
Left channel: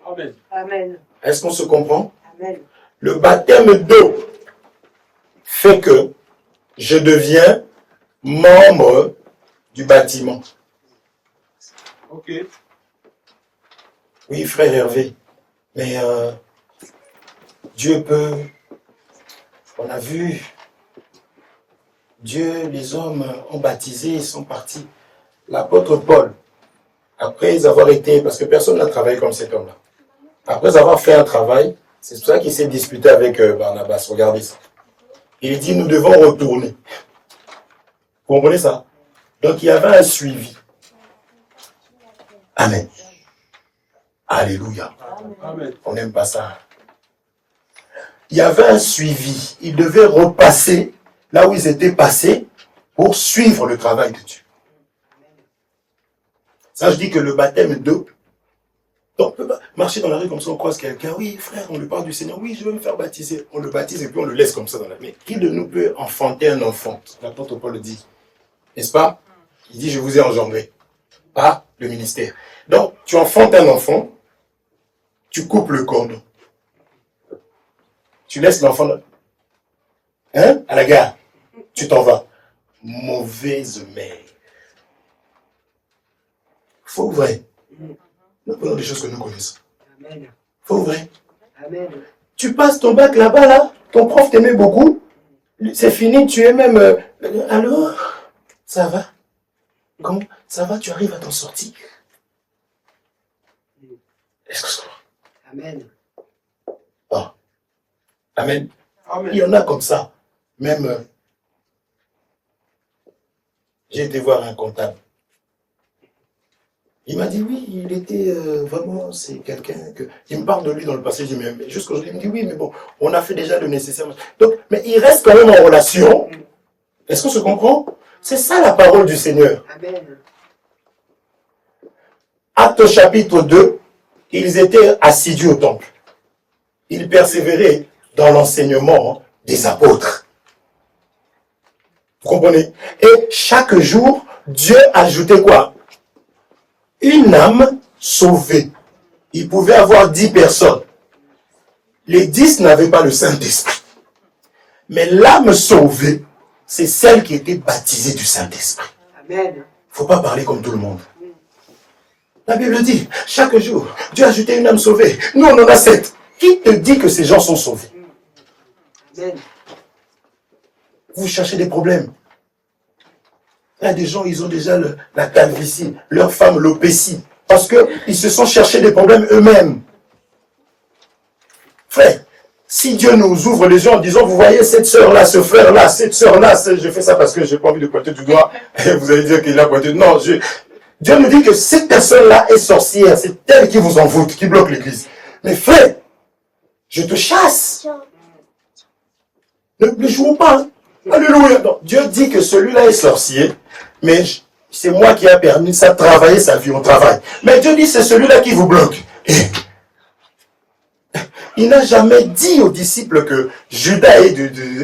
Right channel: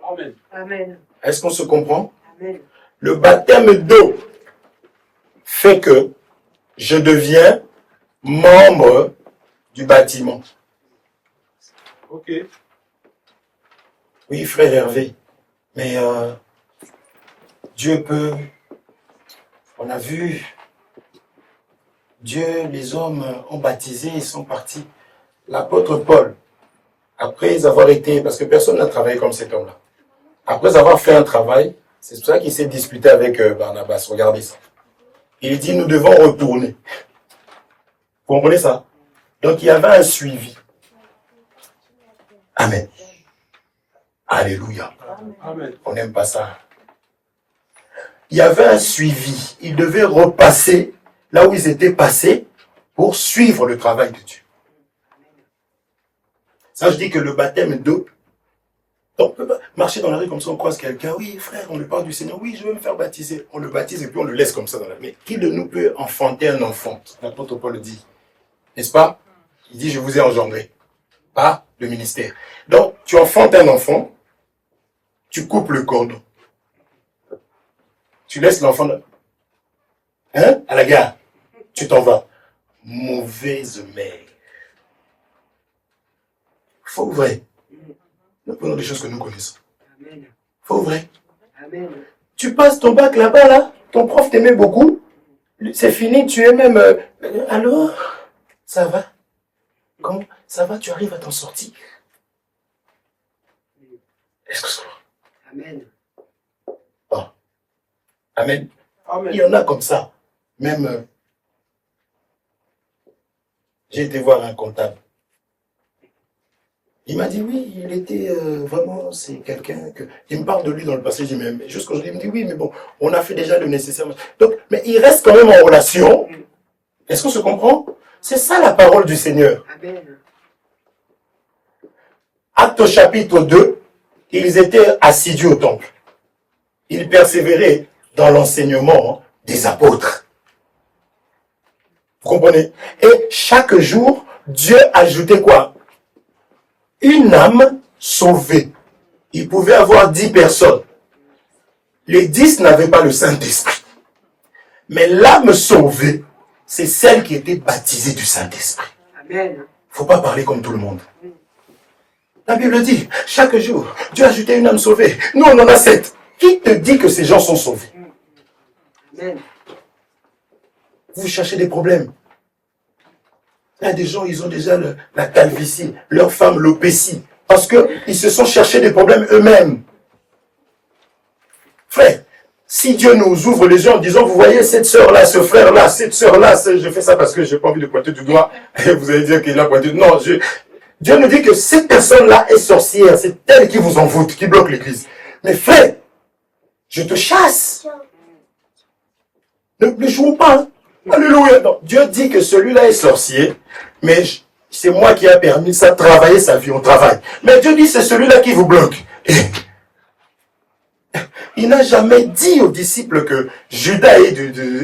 Amen. Amen. Est-ce qu'on se comprend? Amen. Le baptême d'eau fait que je deviens membre du bâtiment. Ok. Oui, frère Hervé, mais Dieu peut... On a vu, Dieu, les hommes ont baptisé, ils sont partis. L'apôtre Paul, après avoir été... Parce que personne n'a travaillé comme cet homme-là. Après avoir fait un travail, c'est pour ça qu'il s'est disputé avec Barnabas. Regardez ça. Il dit, nous devons retourner. Vous comprenez ça? Donc, il y avait un suivi. Amen. Alléluia. Amen. On n'aime pas ça. Il y avait un suivi. Ils devaient repasser là où ils étaient passés pour suivre le travail de Dieu. Ça, je dis que le baptême d'eau, on peut pas marcher dans la rue comme ça, on croise quelqu'un. Oui, frère, on lui parle du Seigneur. Oui, je veux me faire baptiser. On le baptise et puis on le laisse comme ça dans la rue. Mais qui de nous peut enfanter un enfant? L'apôtre Paul le dit. N'est-ce pas? Il dit, je vous ai engendré. Pas le ministère. Donc, tu enfantes un enfant, tu coupes le cordon. Tu laisses l'enfant à la gare. Tu t'en vas. Mauvaise mère. Faux ou vrai? Nous prenons des choses que nous connaissons. Amen. Faux ou vrai? Amen. Tu passes ton bac là-bas, là. Ton prof t'aimait beaucoup. C'est fini, tu es même... alors, ça va? Comment? Ça va, tu arrives à t'en sortir? Est-ce que ça va? Amen. Oh. Amen. Amen. Il y en a comme ça. Même, j'ai été voir un comptable. Il m'a dit oui, il était vraiment, c'est quelqu'un que... Il me parle de lui dans le passé, je dis mais jusqu'aujourd'hui, il me dit oui, mais bon, on a fait déjà le nécessaire. Donc, mais il reste quand même en relation. Est-ce qu'on se comprend? C'est ça la parole du Seigneur. Amen. Actes chapitre 2, ils étaient assidus au temple. Ils persévéraient dans l'enseignement des apôtres. Vous comprenez? Et chaque jour, Dieu ajoutait quoi? Une âme sauvée. Il pouvait avoir 10 personnes. Les 10 n'avaient pas le Saint-Esprit. Mais l'âme sauvée, c'est celle qui était baptisée du Saint-Esprit. Amen. Il ne faut pas parler comme tout le monde. La Bible dit, chaque jour, Dieu a ajouté une âme sauvée. Nous, on en a 7. Qui te dit que ces gens sont sauvés? Amen. Vous cherchez des problèmes. Il y a des gens, ils ont déjà la calvitie, leur femme l'opécie, parce qu'ils se sont cherchés des problèmes eux-mêmes. Frère, si Dieu nous ouvre les yeux en disant, vous voyez cette sœur-là, ce frère-là, cette sœur-là, je fais ça parce que je n'ai pas envie de pointer du doigt, et vous allez dire qu'il a pointé. Non, Dieu nous dit que cette personne-là est sorcière, c'est elle qui vous envoûte, qui bloque l'église. Mais frère, je te chasse. Ne jouons pas. Hein. Alléluia. Non, Dieu dit que celui-là est sorcier, mais c'est moi qui ai permis ça, travailler sa vie, on travaille. Mais Dieu dit c'est celui-là qui vous bloque. Et il n'a jamais dit aux disciples que Judas est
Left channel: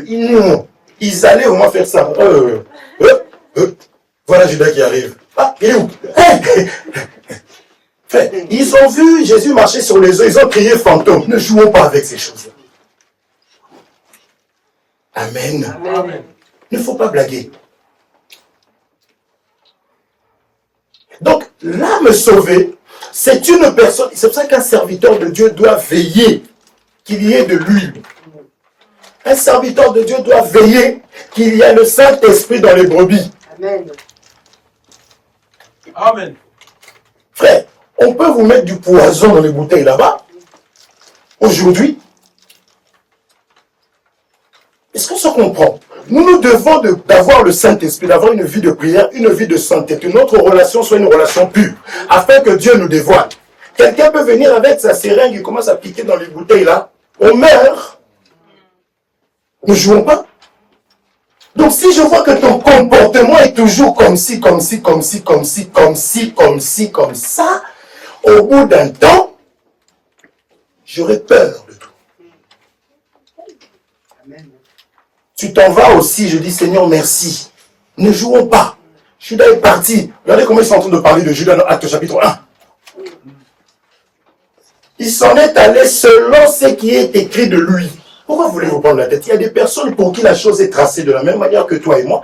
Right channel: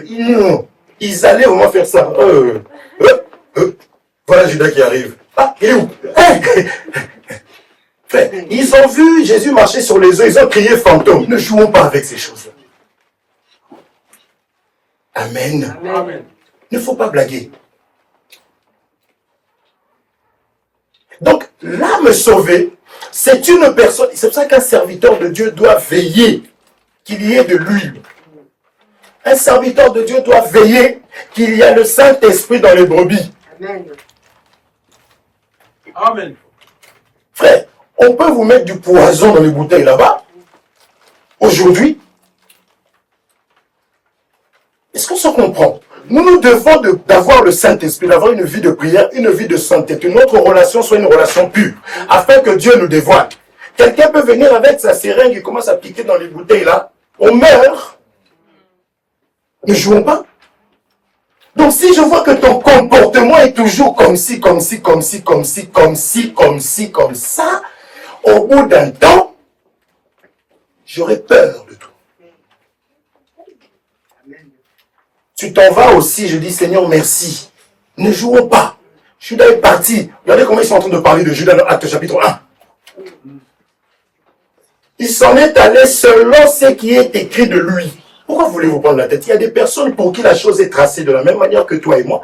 non. Ils allaient au moins faire ça. Voilà Judas qui arrive. Ah, il est où? Frère, ils ont vu Jésus marcher sur les eaux, ils ont crié fantôme. Ne jouons pas avec ces choses-là. Amen. Amen. Il ne faut pas blaguer. Donc, l'âme sauvée, c'est une personne, c'est pour ça qu'un serviteur de Dieu doit veiller qu'il y ait de l'huile. Un serviteur de Dieu doit veiller qu'il y ait le Saint-Esprit dans les brebis. Amen. Amen. Frère, on peut vous mettre du poison dans les bouteilles là-bas. Aujourd'hui, est-ce qu'on se comprend? Nous devons d'avoir le Saint-Esprit, d'avoir une vie de prière, une vie de santé, que notre relation soit une relation pure, afin que Dieu nous dévoile. Quelqu'un peut venir avec sa seringue et commence à piquer dans les bouteilles là. On meurt. Ne jouons pas. Donc si je vois que ton comportement est toujours comme ci, comme ci, comme ci, comme ci, comme ci, comme ci, comme ça, au bout d'un temps, j'aurai peur de toi. Amen. Tu t'en vas aussi, je dis Seigneur merci. Ne jouons pas. Judas est parti. Regardez comment ils sont en train de parler de Judas dans Actes chapitre 1. Il s'en est allé selon ce qui est écrit de lui. Pourquoi voulez-vous prendre la tête? Il y a des personnes pour qui la chose est tracée de la même manière que toi et moi.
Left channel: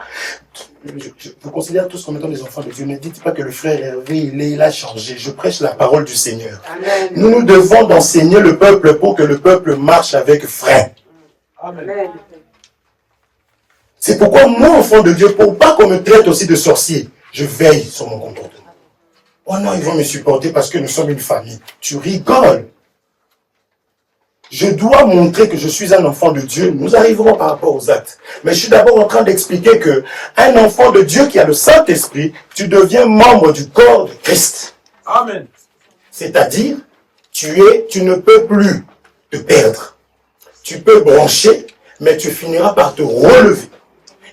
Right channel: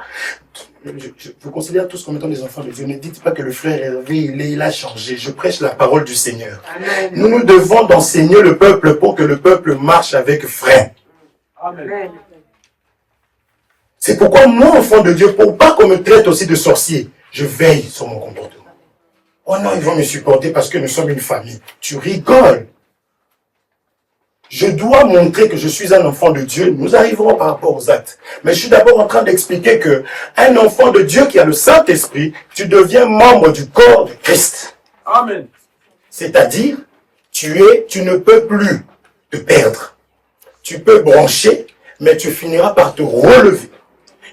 Je vous considère tous comme étant des enfants de Dieu. Ne dites pas que le frère Hervé, il a changé. Je prêche la parole du Seigneur. Amen. Nous devons d'enseigner le peuple pour que le peuple marche avec frein. Amen. Amen. C'est pourquoi moi, enfant de Dieu, pour pas qu'on me traite aussi de sorcier, je veille sur mon comportement. Oh non, ils vont me supporter parce que nous sommes une famille. Tu rigoles. Je dois montrer que je suis un enfant de Dieu. Nous arriverons par rapport aux actes. Mais je suis d'abord en train d'expliquer que un enfant de Dieu qui a le Saint-Esprit, tu deviens membre du corps de Christ. Amen. C'est-à-dire, tu ne peux plus te perdre. Tu peux brancher, mais tu finiras par te relever.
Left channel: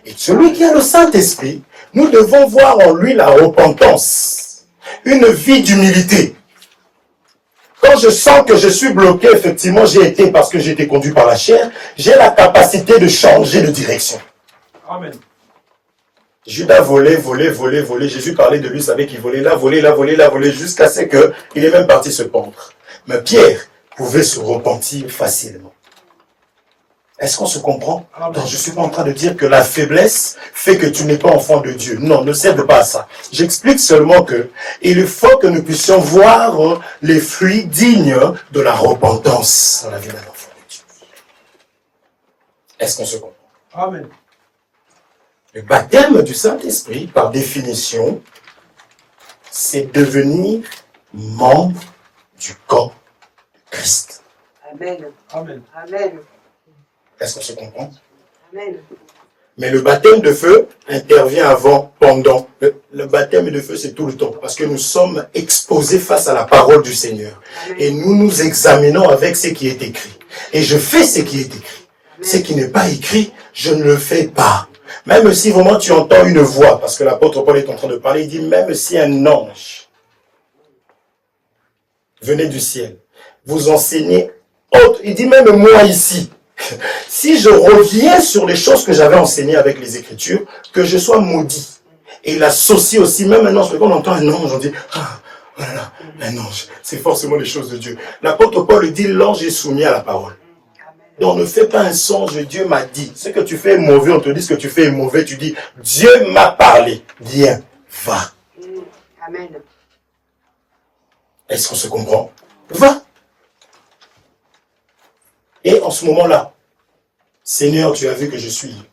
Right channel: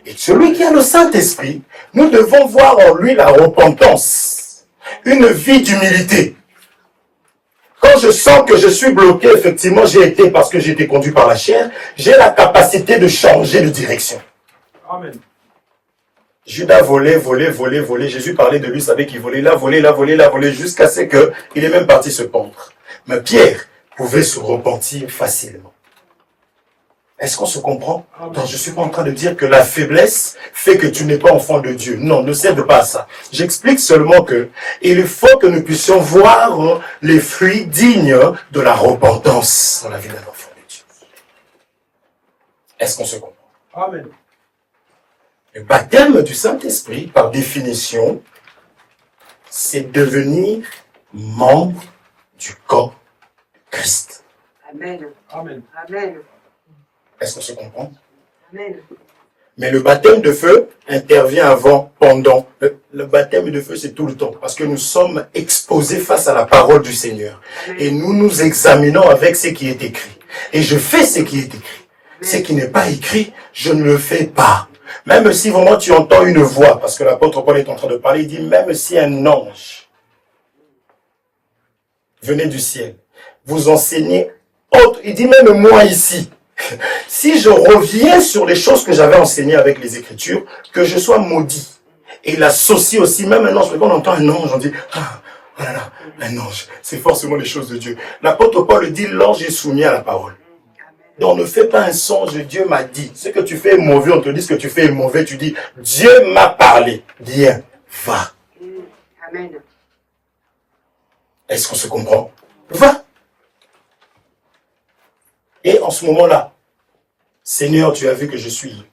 Et celui qui a le Saint-Esprit, nous devons voir en lui la repentance, une vie d'humilité. Quand je sens que je suis bloqué, effectivement, parce que j'ai été conduit par la chair, j'ai la capacité de changer de direction. Amen. Judas volait. Jésus parlait de lui, savait qu'il volait là, jusqu'à ce qu'il est même parti se pendre. Mais Pierre, pouvez se repentir facilement. Est-ce qu'on se comprend? Amen. Non, je ne suis pas en train de dire que la faiblesse fait que tu n'es pas enfant de Dieu. Non, ne cède pas à ça. J'explique seulement que il faut que nous puissions voir les fruits dignes de la repentance dans la vie d'un enfant de Dieu. Est-ce qu'on se comprend? Amen. Le baptême du Saint-Esprit, par définition, c'est devenir membre du corps de Christ. Amen. Amen. Amen. Est-ce qu'on se comprend? Amen. Mais le baptême de feu intervient avant, pendant. Le baptême de feu, c'est tout le temps. Parce que nous sommes exposés face à la parole du Seigneur. Et nous nous examinons avec ce qui est écrit. Et je fais ce qui est écrit. Ce qui n'est pas écrit, je ne le fais pas. Même si vraiment tu entends une voix, parce que l'apôtre Paul est en train de parler, il dit même si un ange venait du ciel, vous enseignez autre, il dit même moi ici, si je reviens sur les choses que j'avais enseignées avec les Écritures, que je sois maudit. Et il associe aussi, même un ange, quand on entend un ange, on dit, ah, voilà, un ange, c'est forcément les choses de Dieu. L'apôtre Paul dit, l'ange est soumis à la parole. Donc ne fais pas un songe, Dieu m'a dit. Ce que tu fais est mauvais, on te dit ce que tu fais est mauvais, tu dis, Dieu m'a parlé. Viens, va. Amen. Est-ce qu'on se comprend? Va. Et en ce moment-là, Seigneur, tu as vu que je suis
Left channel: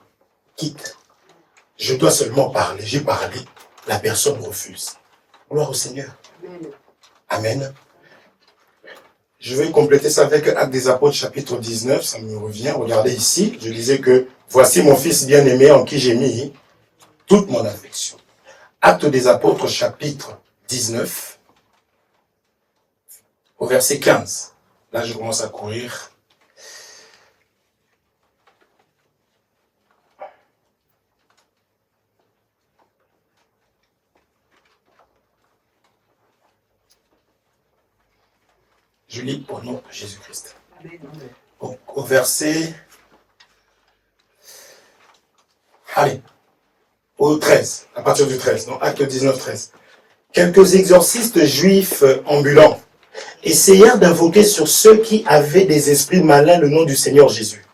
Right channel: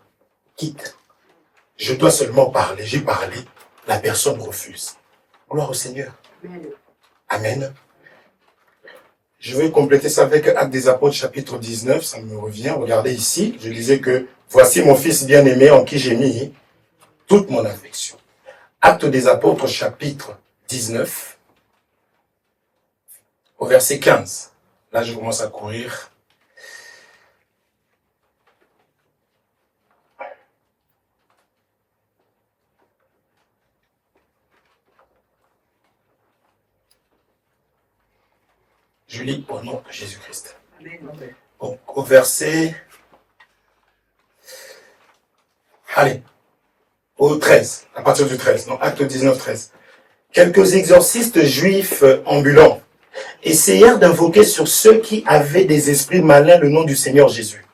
quitte. Je dois seulement parler. J'ai parlé. La personne refuse. Gloire au Seigneur. Amen. Amen. Je vais compléter ça avec Actes des Apôtres, chapitre 19. Ça me revient. Regardez ici. Je disais que voici mon fils bien-aimé en qui j'ai mis toute mon affection. Actes des Apôtres, chapitre 19, au verset 15. Là, je commence à courir. Je lis au nom de Jésus-Christ. Amen. Au verset... Allez, au 13, à partir du 13, non, Acte 19, 13. Quelques exorcistes juifs ambulants essayèrent d'invoquer sur ceux qui avaient des esprits malins le nom du Seigneur Jésus,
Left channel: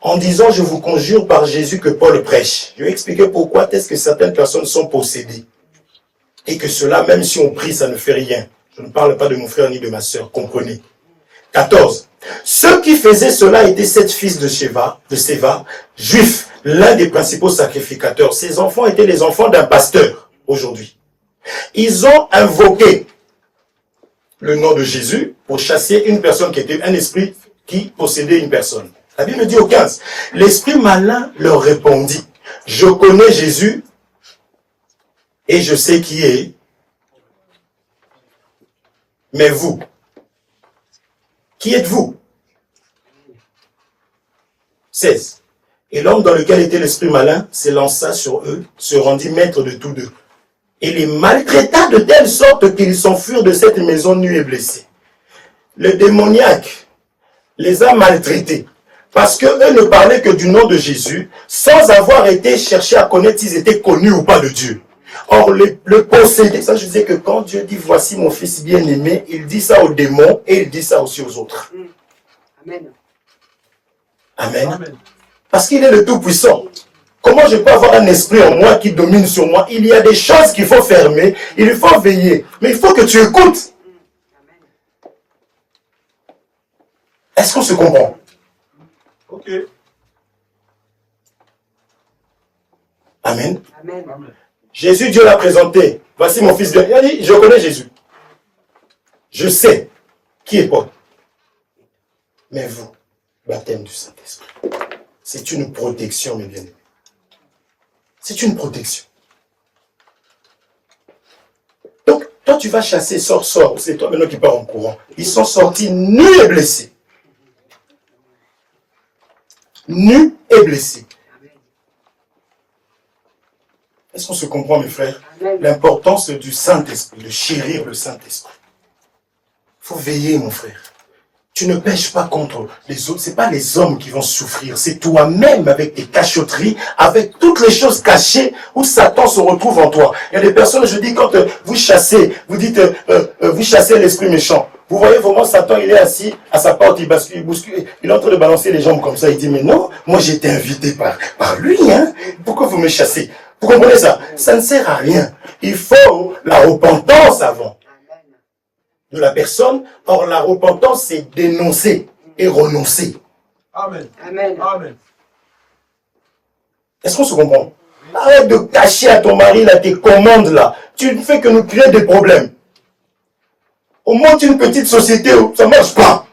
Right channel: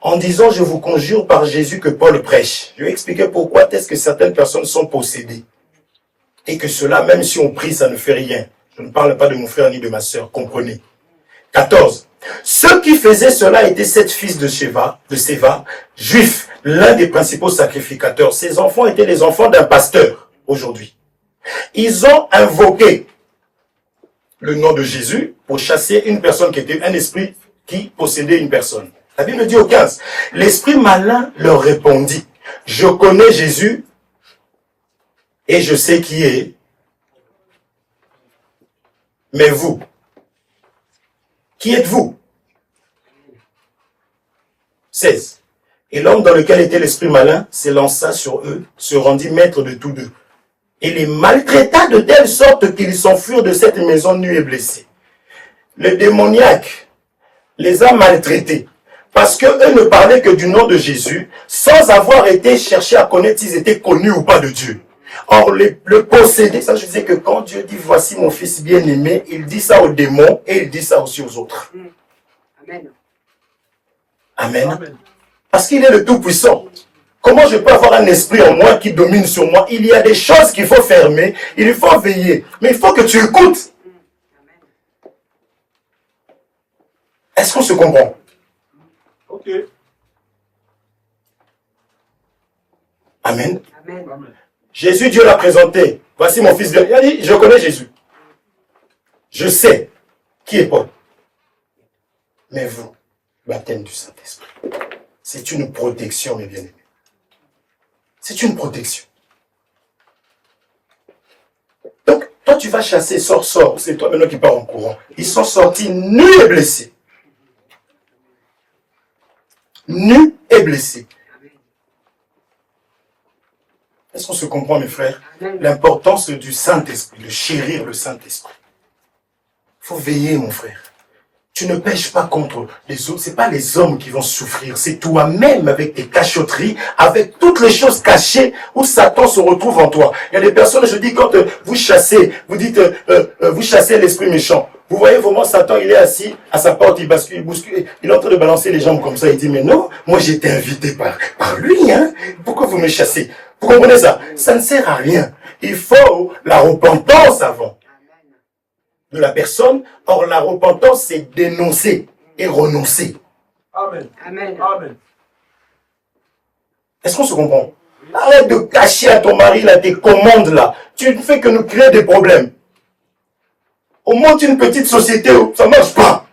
en disant, je vous conjure par Jésus que Paul prêche. Je vais expliquer pourquoi est-ce que certaines personnes sont possédées. Et que cela, même si on prie, ça ne fait rien. Je ne parle pas de mon frère ni de ma sœur, comprenez. 14. Ceux qui faisaient cela étaient 7 fils de Séva, juifs, l'un des principaux sacrificateurs. Ces enfants étaient les enfants d'un pasteur, aujourd'hui. Ils ont invoqué le nom de Jésus pour chasser une personne qui était un esprit qui possédait une personne. La Bible dit au 15, l'esprit malin leur répondit, je connais Jésus et je sais qui est, mais vous, qui êtes-vous? 16. Et l'homme dans lequel était l'esprit malin s'élança sur eux, se rendit maître de tous deux, et les maltraita de telle sorte qu'ils s'enfuirent de cette maison nus et blessés. Le démoniaque les a maltraités, parce qu'eux ne parlaient que du nom de Jésus, sans avoir été cherchés à connaître s'ils étaient connus ou pas de Dieu. Or, le possédé, ça je disais que quand Dieu dit, voici mon fils bien-aimé, il dit ça aux démons et il dit ça aussi aux autres. Amen. Amen. Amen. Parce qu'il est le Tout-Puissant. Comment je peux avoir un esprit en moi qui domine sur moi? Il y a des choses qu'il faut fermer, il faut veiller, mais il faut que tu écoutes. Est-ce qu'on se comprend? Ok. Amen. Amen. Amen. Jésus, Dieu l'a présenté. Voici mon fils bien. Il a dit, je connais Jésus. Je sais qui est Paul. Mais vous, baptême du Saint-Esprit, c'est une protection, mes bien-aimés. C'est une protection. Donc, toi, tu vas chasser, sors. C'est toi maintenant qui pars en courant. Ils sont sortis nus et blessés. Nus et blessés. Est-ce qu'on se comprend, mes frères? L'importance du Saint-Esprit, de chérir le Saint-Esprit. Il faut veiller, mon frère. Tu ne pêches pas contre les autres. Ce n'est pas les hommes qui vont souffrir. C'est toi-même avec tes cachotteries, avec toutes les choses cachées où Satan se retrouve en toi. Il y a des personnes, je dis, quand vous chassez, vous dites, vous chassez l'esprit méchant. Vous voyez vraiment Satan, il est assis à sa porte, il bascule, il bouscule, il est en train de balancer les jambes comme ça. Il dit, mais non, moi j'ai été invité par lui. Hein. Pourquoi vous me chassez? Vous comprenez ça? Ça ne sert à rien. Il faut la repentance avant de la personne. Or, la repentance, c'est dénoncer et renoncer. Amen. Amen. Amen. Est-ce qu'on se comprend? Arrête de cacher à ton mari là, tes commandes là. Tu ne fais que nous créer des problèmes. On monte une petite société où ça ne marche pas.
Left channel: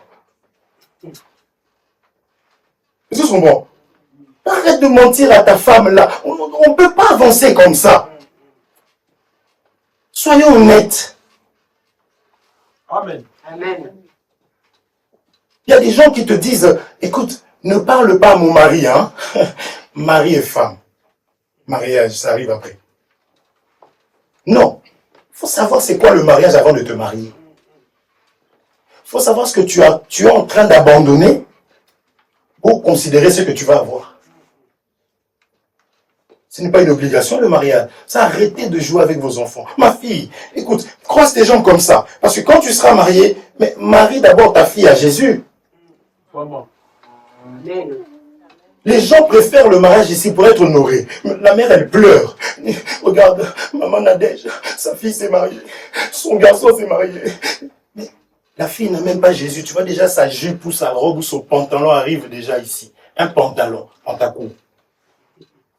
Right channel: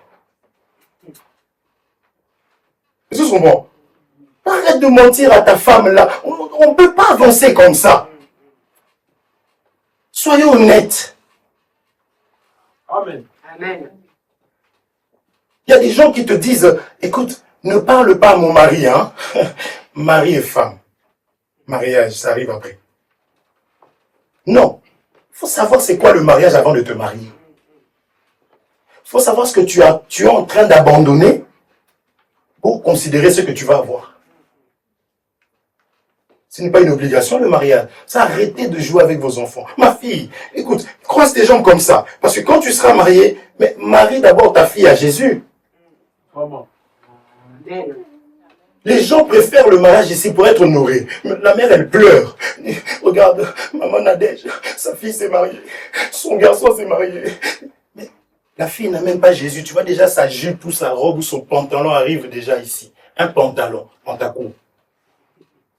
Est-ce qu'on se comprend? Arrête de mentir à ta femme là. On ne peut pas avancer comme ça. Soyons honnêtes. Amen. Amen. Il y a des gens qui te disent, écoute, ne parle pas à mon mari, hein. Mari et femme. Mariage, ça arrive après. Non. Il faut savoir c'est quoi le mariage avant de te marier. Il faut savoir ce que tu es en train d'abandonner pour considérer ce que tu vas avoir. Ce n'est pas une obligation le mariage. Ça, arrêtez de jouer avec vos enfants. Ma fille, écoute, croise tes jambes comme ça. Parce que quand tu seras marié, mais marie d'abord ta fille à Jésus. Vraiment. Amen. Les gens préfèrent le mariage ici pour être honorés. La mère, elle pleure. Regarde, maman Nadège, sa fille s'est mariée. Son garçon s'est marié. Mais la fille n'a même pas Jésus. Tu vois déjà sa jupe ou sa robe ou son pantalon arrive déjà ici. Un pantalon en ta cour.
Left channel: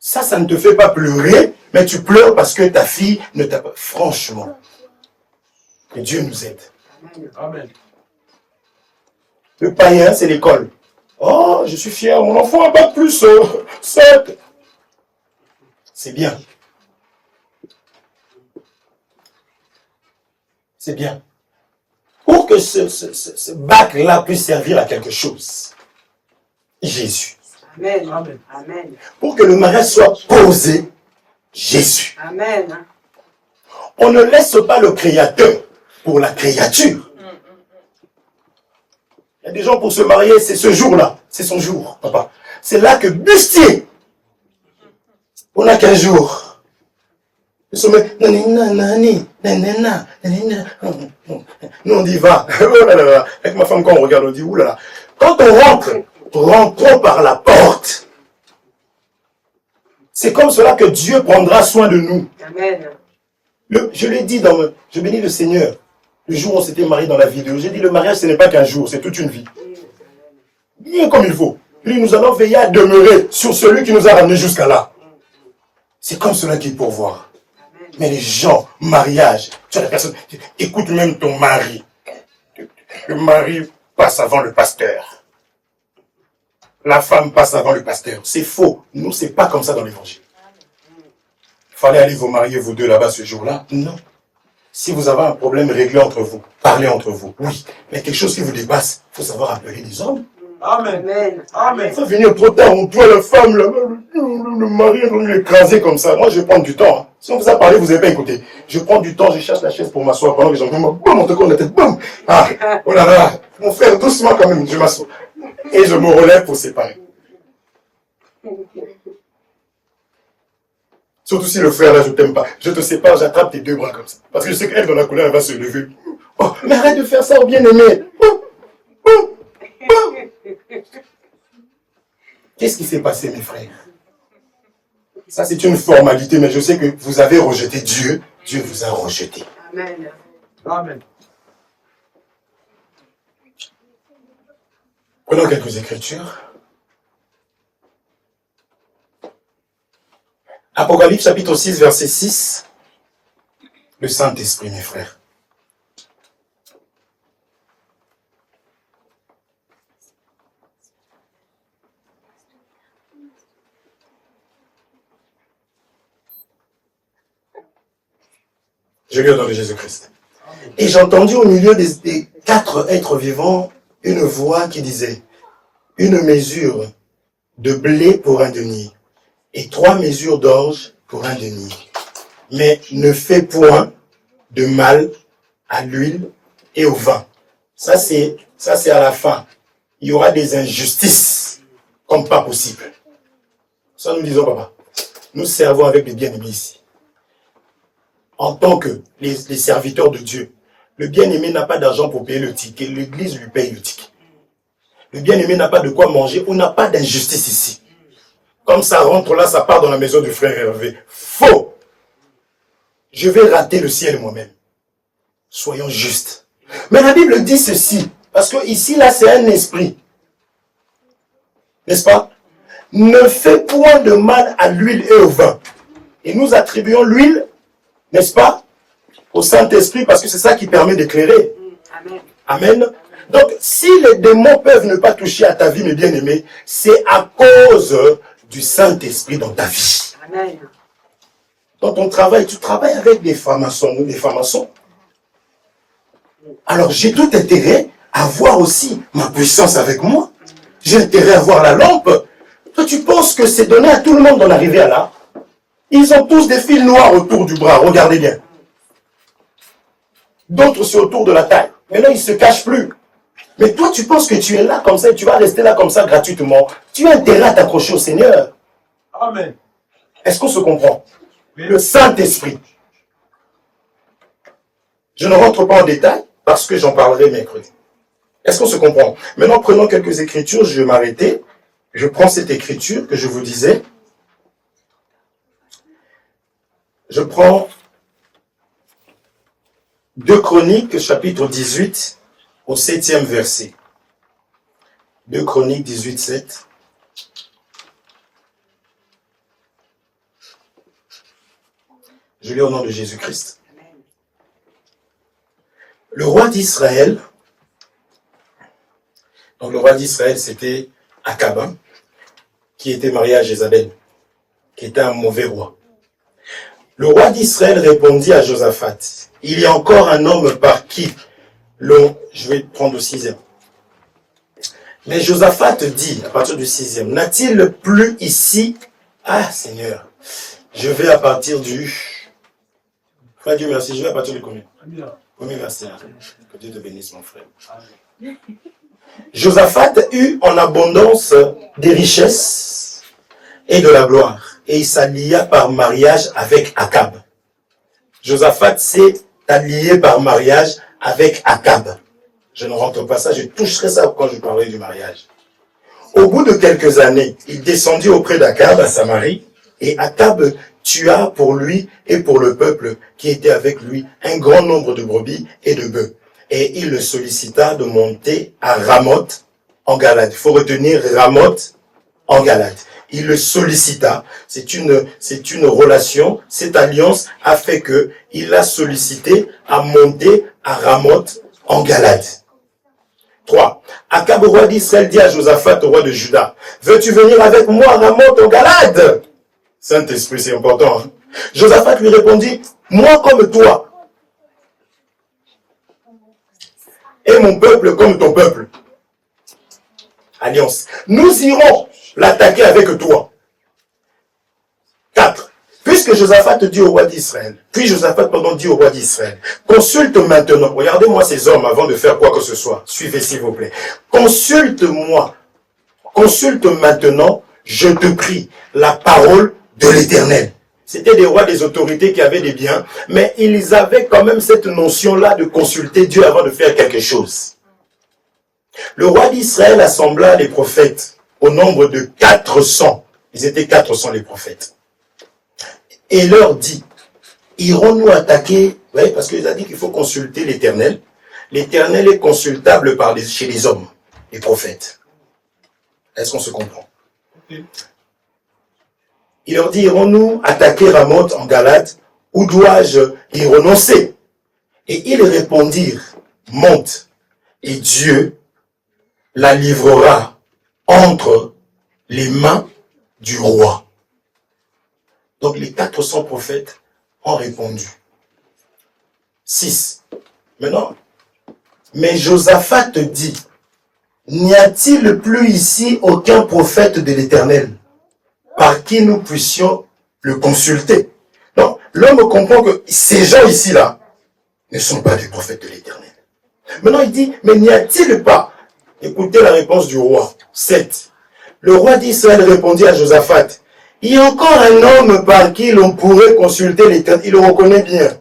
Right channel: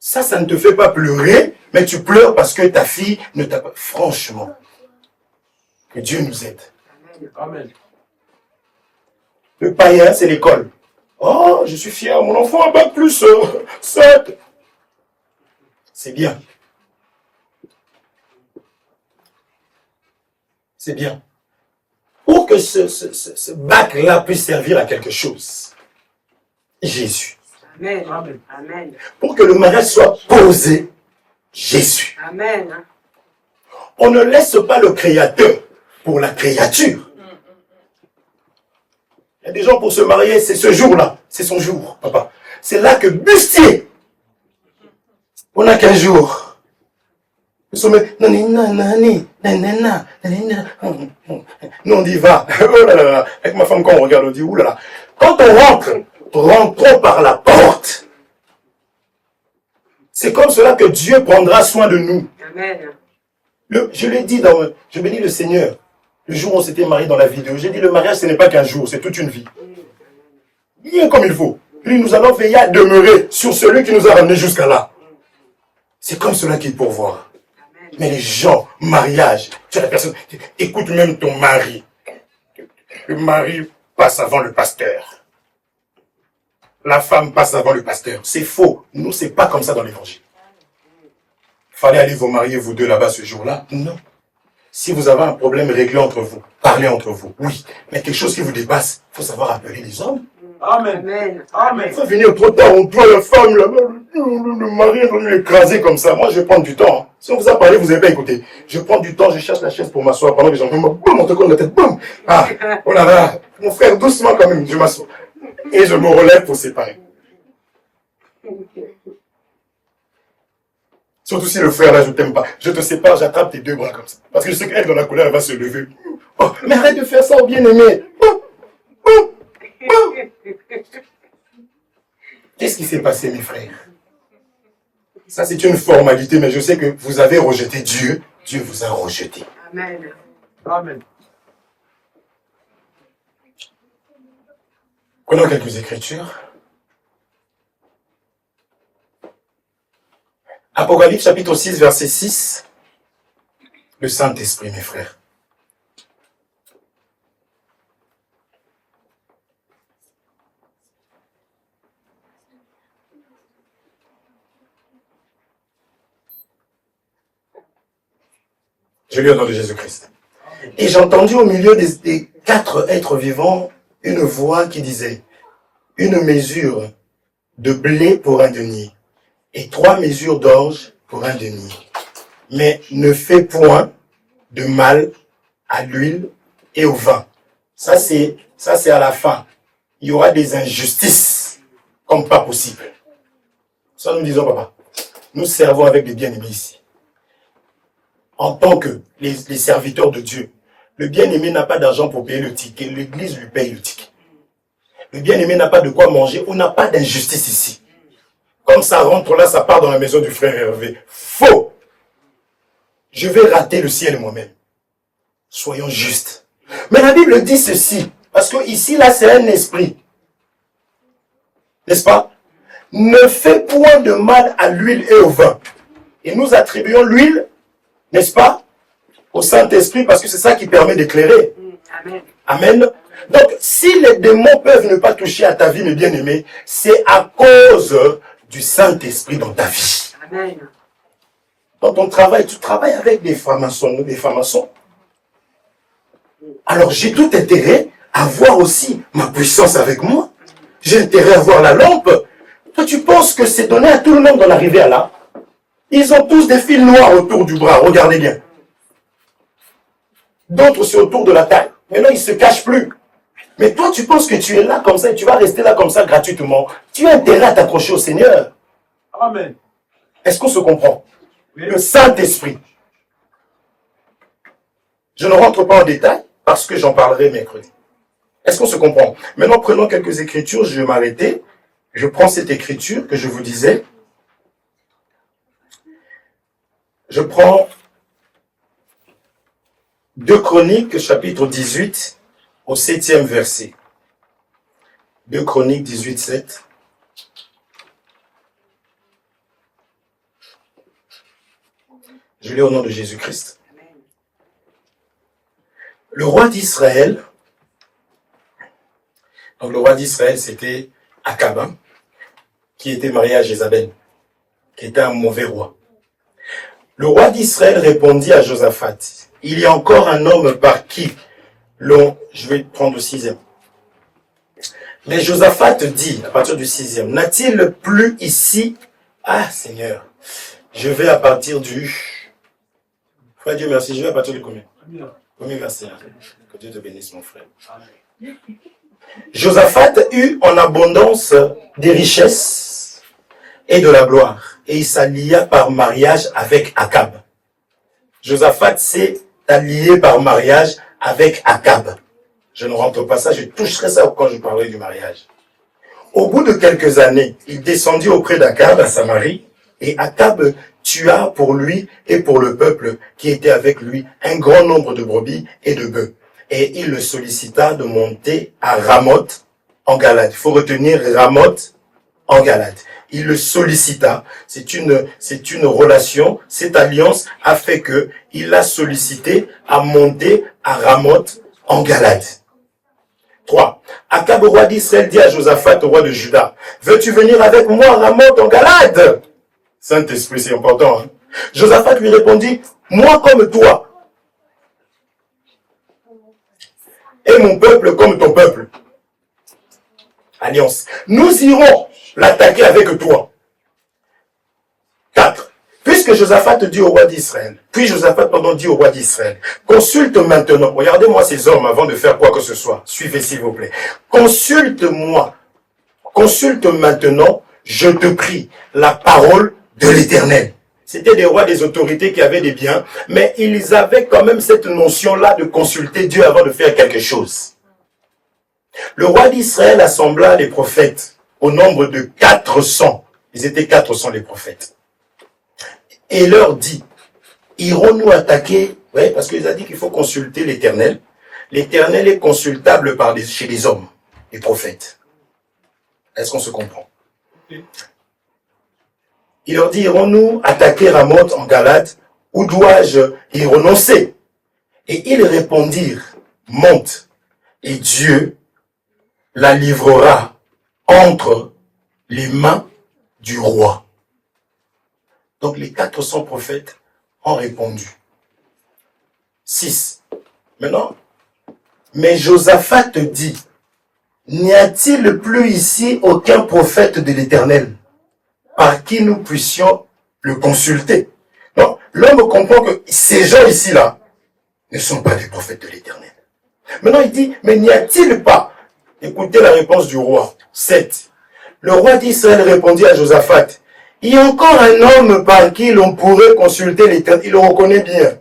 Ça ne te fait pas pleurer, mais tu pleures parce que ta fille ne t'a pas... Franchement, que Dieu nous aide. Amen. Le païen, c'est l'école. Oh, je suis fier, mon enfant a bac plus 7. C'est bien. C'est bien. Pour que ce bac-là puisse servir à quelque chose, Jésus. Amen. Amen. Amen. Pour que le mariage soit posé, Jésus. Amen. On ne laisse pas le Créateur pour la créature. Il y a des gens pour se marier, c'est ce jour-là. C'est son jour, papa. C'est là que Bustier, on n'a qu'un jour. Nous sommes... Nous on dit va. Oh là là. Avec ma femme, quand on regarde, on dit oulala. Quand on rentre, rentrons par la porte. C'est comme cela que Dieu prendra soin de nous. Amen. Je l'ai dit je bénis le Seigneur. Le jour où on s'était marié dans la vidéo, j'ai dit le mariage ce n'est pas qu'un jour, c'est toute une vie. Bien comme il faut. Puis nous allons veiller à demeurer sur celui qui nous a ramenés jusqu'à là. C'est comme cela qu'il pourvoit. Mais les gens, mariage, tu as la personne, écoute même ton mari. Le mari passe avant le pasteur. La femme passe avant le pasteur. C'est faux. Nous, c'est pas comme ça dans l'évangile. Il fallait aller vous marier, vous deux, là-bas, ce jour-là. Non. Si vous avez un problème, réglez entre vous. Parlez entre vous. Oui. Mais quelque chose qui vous dépasse, il faut savoir appeler les hommes. Amen. Amen. Amen. Il faut venir trop tard, on doit la femme, le mari est venu l'écraser comme ça. Moi, je vais prendre du temps. Hein. Si on vous a parlé, vous n'avez pas écouté. Je prends du temps, je cherche la chaise pour m'asseoir pendant que j'en fais, boum, on te colle la tête, boum. Ah, oh là là. Mon frère, doucement quand même, je m'assois. Et je me relève pour séparer. Surtout si le frère là, je t'aime pas. Je te sépare, j'attrape tes deux bras comme ça. Parce que je sais qu'elle, dans la colère, elle va se lever. Oh, mais arrête de faire ça, bien-aimé. Qu'est-ce qui s'est passé, mes frères? Ça, c'est une formalité, mais je sais que vous avez rejeté Dieu. Dieu vous a rejeté. Amen. Amen. Prenons quelques écritures. Apocalypse chapitre 6, verset 6. Le Saint-Esprit, mes frères. Je lis au nom de Jésus-Christ. Et j'ai entendu au milieu des quatre êtres vivants une voix qui disait, une mesure de blé pour un denier et 3 mesures d'orge pour un denier. Mais ne fais point de mal à l'huile et au vin. Ça, c'est à la fin. Il y aura des injustices comme pas possible. Ça, nous disons, papa. Nous servons avec des bien-aimés ici. En tant que les serviteurs de Dieu, le bien-aimé n'a pas d'argent pour payer le ticket. L'église lui paye le ticket. Le bien-aimé n'a pas de quoi manger. On n'a pas d'injustice ici. Comme ça rentre là, ça part dans la maison du frère Hervé. Faux. Je vais rater le ciel moi-même. Soyons justes. Mais la Bible dit ceci. Parce que ici, là, c'est un esprit. N'est-ce pas? Ne fais point de mal à l'huile et au vin. Et nous attribuons l'huile, n'est-ce pas, au Saint-Esprit, parce que c'est ça qui permet d'éclairer. Amen. Amen. Donc, si les démons peuvent ne pas toucher à ta vie, mes bien-aimés, c'est à cause du Saint-Esprit dans ta vie. Amen. Dans ton travail, tu travailles avec des francs-maçons ou des francs-maçons. Alors, j'ai tout intérêt à voir aussi ma puissance avec moi. J'ai intérêt à voir la lampe. Toi, tu penses que c'est donné à tout le monde d'en arriver à là? Ils ont tous des fils noirs autour du bras, regardez bien. D'autres, c'est autour de la taille. Maintenant, ils ne se cachent plus. Mais toi, tu penses que tu es là comme ça et tu vas rester là comme ça gratuitement. Tu as intérêt à t'accrocher au Seigneur. Amen. Est-ce qu'on se comprend? Oui. Le Saint-Esprit. Je ne rentre pas en détail parce que j'en parlerai mercredi. Est-ce qu'on se comprend? Maintenant, prenons quelques écritures. Je vais m'arrêter. Je prends cette écriture que je vous disais. Je prends 2 Chroniques, chapitre 18, au 7e verset. 2 Chroniques 18, 7. Je lis au nom de Jésus-Christ. Le roi d'Israël, donc le roi d'Israël, c'était Akab, qui était marié à Jézabel, qui était un mauvais roi. Le roi d'Israël répondit à Josaphat, « Il y a encore un homme par qui je vais prendre le 6e. Mais Josaphat dit, à partir du 6e, « N'a-t-il plus ici... » Ah, Seigneur, je vais à partir du... Frère Dieu merci, je vais à partir du combien? Premier verset. Que Dieu te bénisse, mon frère. Josaphat eut en abondance des richesses et de la gloire, et il s'allia par mariage avec Akab. Josaphat s'est allié par mariage avec Akab. Je ne rentre pas ça, je toucherai ça quand je parlerai du mariage. Au bout de quelques années, il descendit auprès d'Akab à Samarie, et Akab tua pour lui et pour le peuple qui était avec lui un grand nombre de brebis et de bœufs. Et il le sollicita de monter à Ramoth en Galade. Il faut retenir Ramoth en Galade. Il le sollicita. C'est une relation. Cette alliance a fait que il l'a sollicité à monter à Ramoth en Galade. 3. Akab, roi d'Israël, dit à Josaphat, roi de Juda, « Veux-tu venir avec moi à Ramoth en Galade ?» Saint-Esprit, c'est important. Hein? Josaphat lui répondit, « Moi comme toi, et mon peuple comme ton peuple. » Alliance. Nous irons l'attaquer avec toi. 4. Puisque Josaphat dit au roi d'Israël, dit au roi d'Israël, consulte maintenant, regardez-moi ces hommes avant de faire quoi que ce soit, suivez s'il vous plaît, consulte maintenant, je te prie, la parole de l'Éternel. C'était des rois, des autorités qui avaient des biens, mais ils avaient quand même cette notion-là de consulter Dieu avant de faire quelque chose. Le roi d'Israël assembla les prophètes au nombre de 400. Ils étaient 400 les prophètes. Et leur dit, irons-nous attaquer, oui, parce qu'il a dit qu'il faut consulter l'Éternel. L'Éternel est consultable chez les hommes, les prophètes. Est-ce qu'on se comprend? Il leur dit, irons-nous attaquer Ramoth en Galade, ou dois-je y renoncer? Et ils répondirent, monte, et Dieu la livrera entre les mains du roi. Donc les 400 prophètes ont répondu. 6. Maintenant, mais Josaphat dit, n'y a-t-il plus ici aucun prophète de l'Éternel par qui nous puissions le consulter? Donc, l'homme comprend que ces gens ici-là ne sont pas des prophètes de l'Éternel. Maintenant, il dit, mais n'y a-t-il pas? Écoutez la réponse du roi. 7. Le roi d'Israël répondit à Josaphat, il y a encore un homme par qui l'on pourrait consulter l'Éternel. Il le reconnaît bien.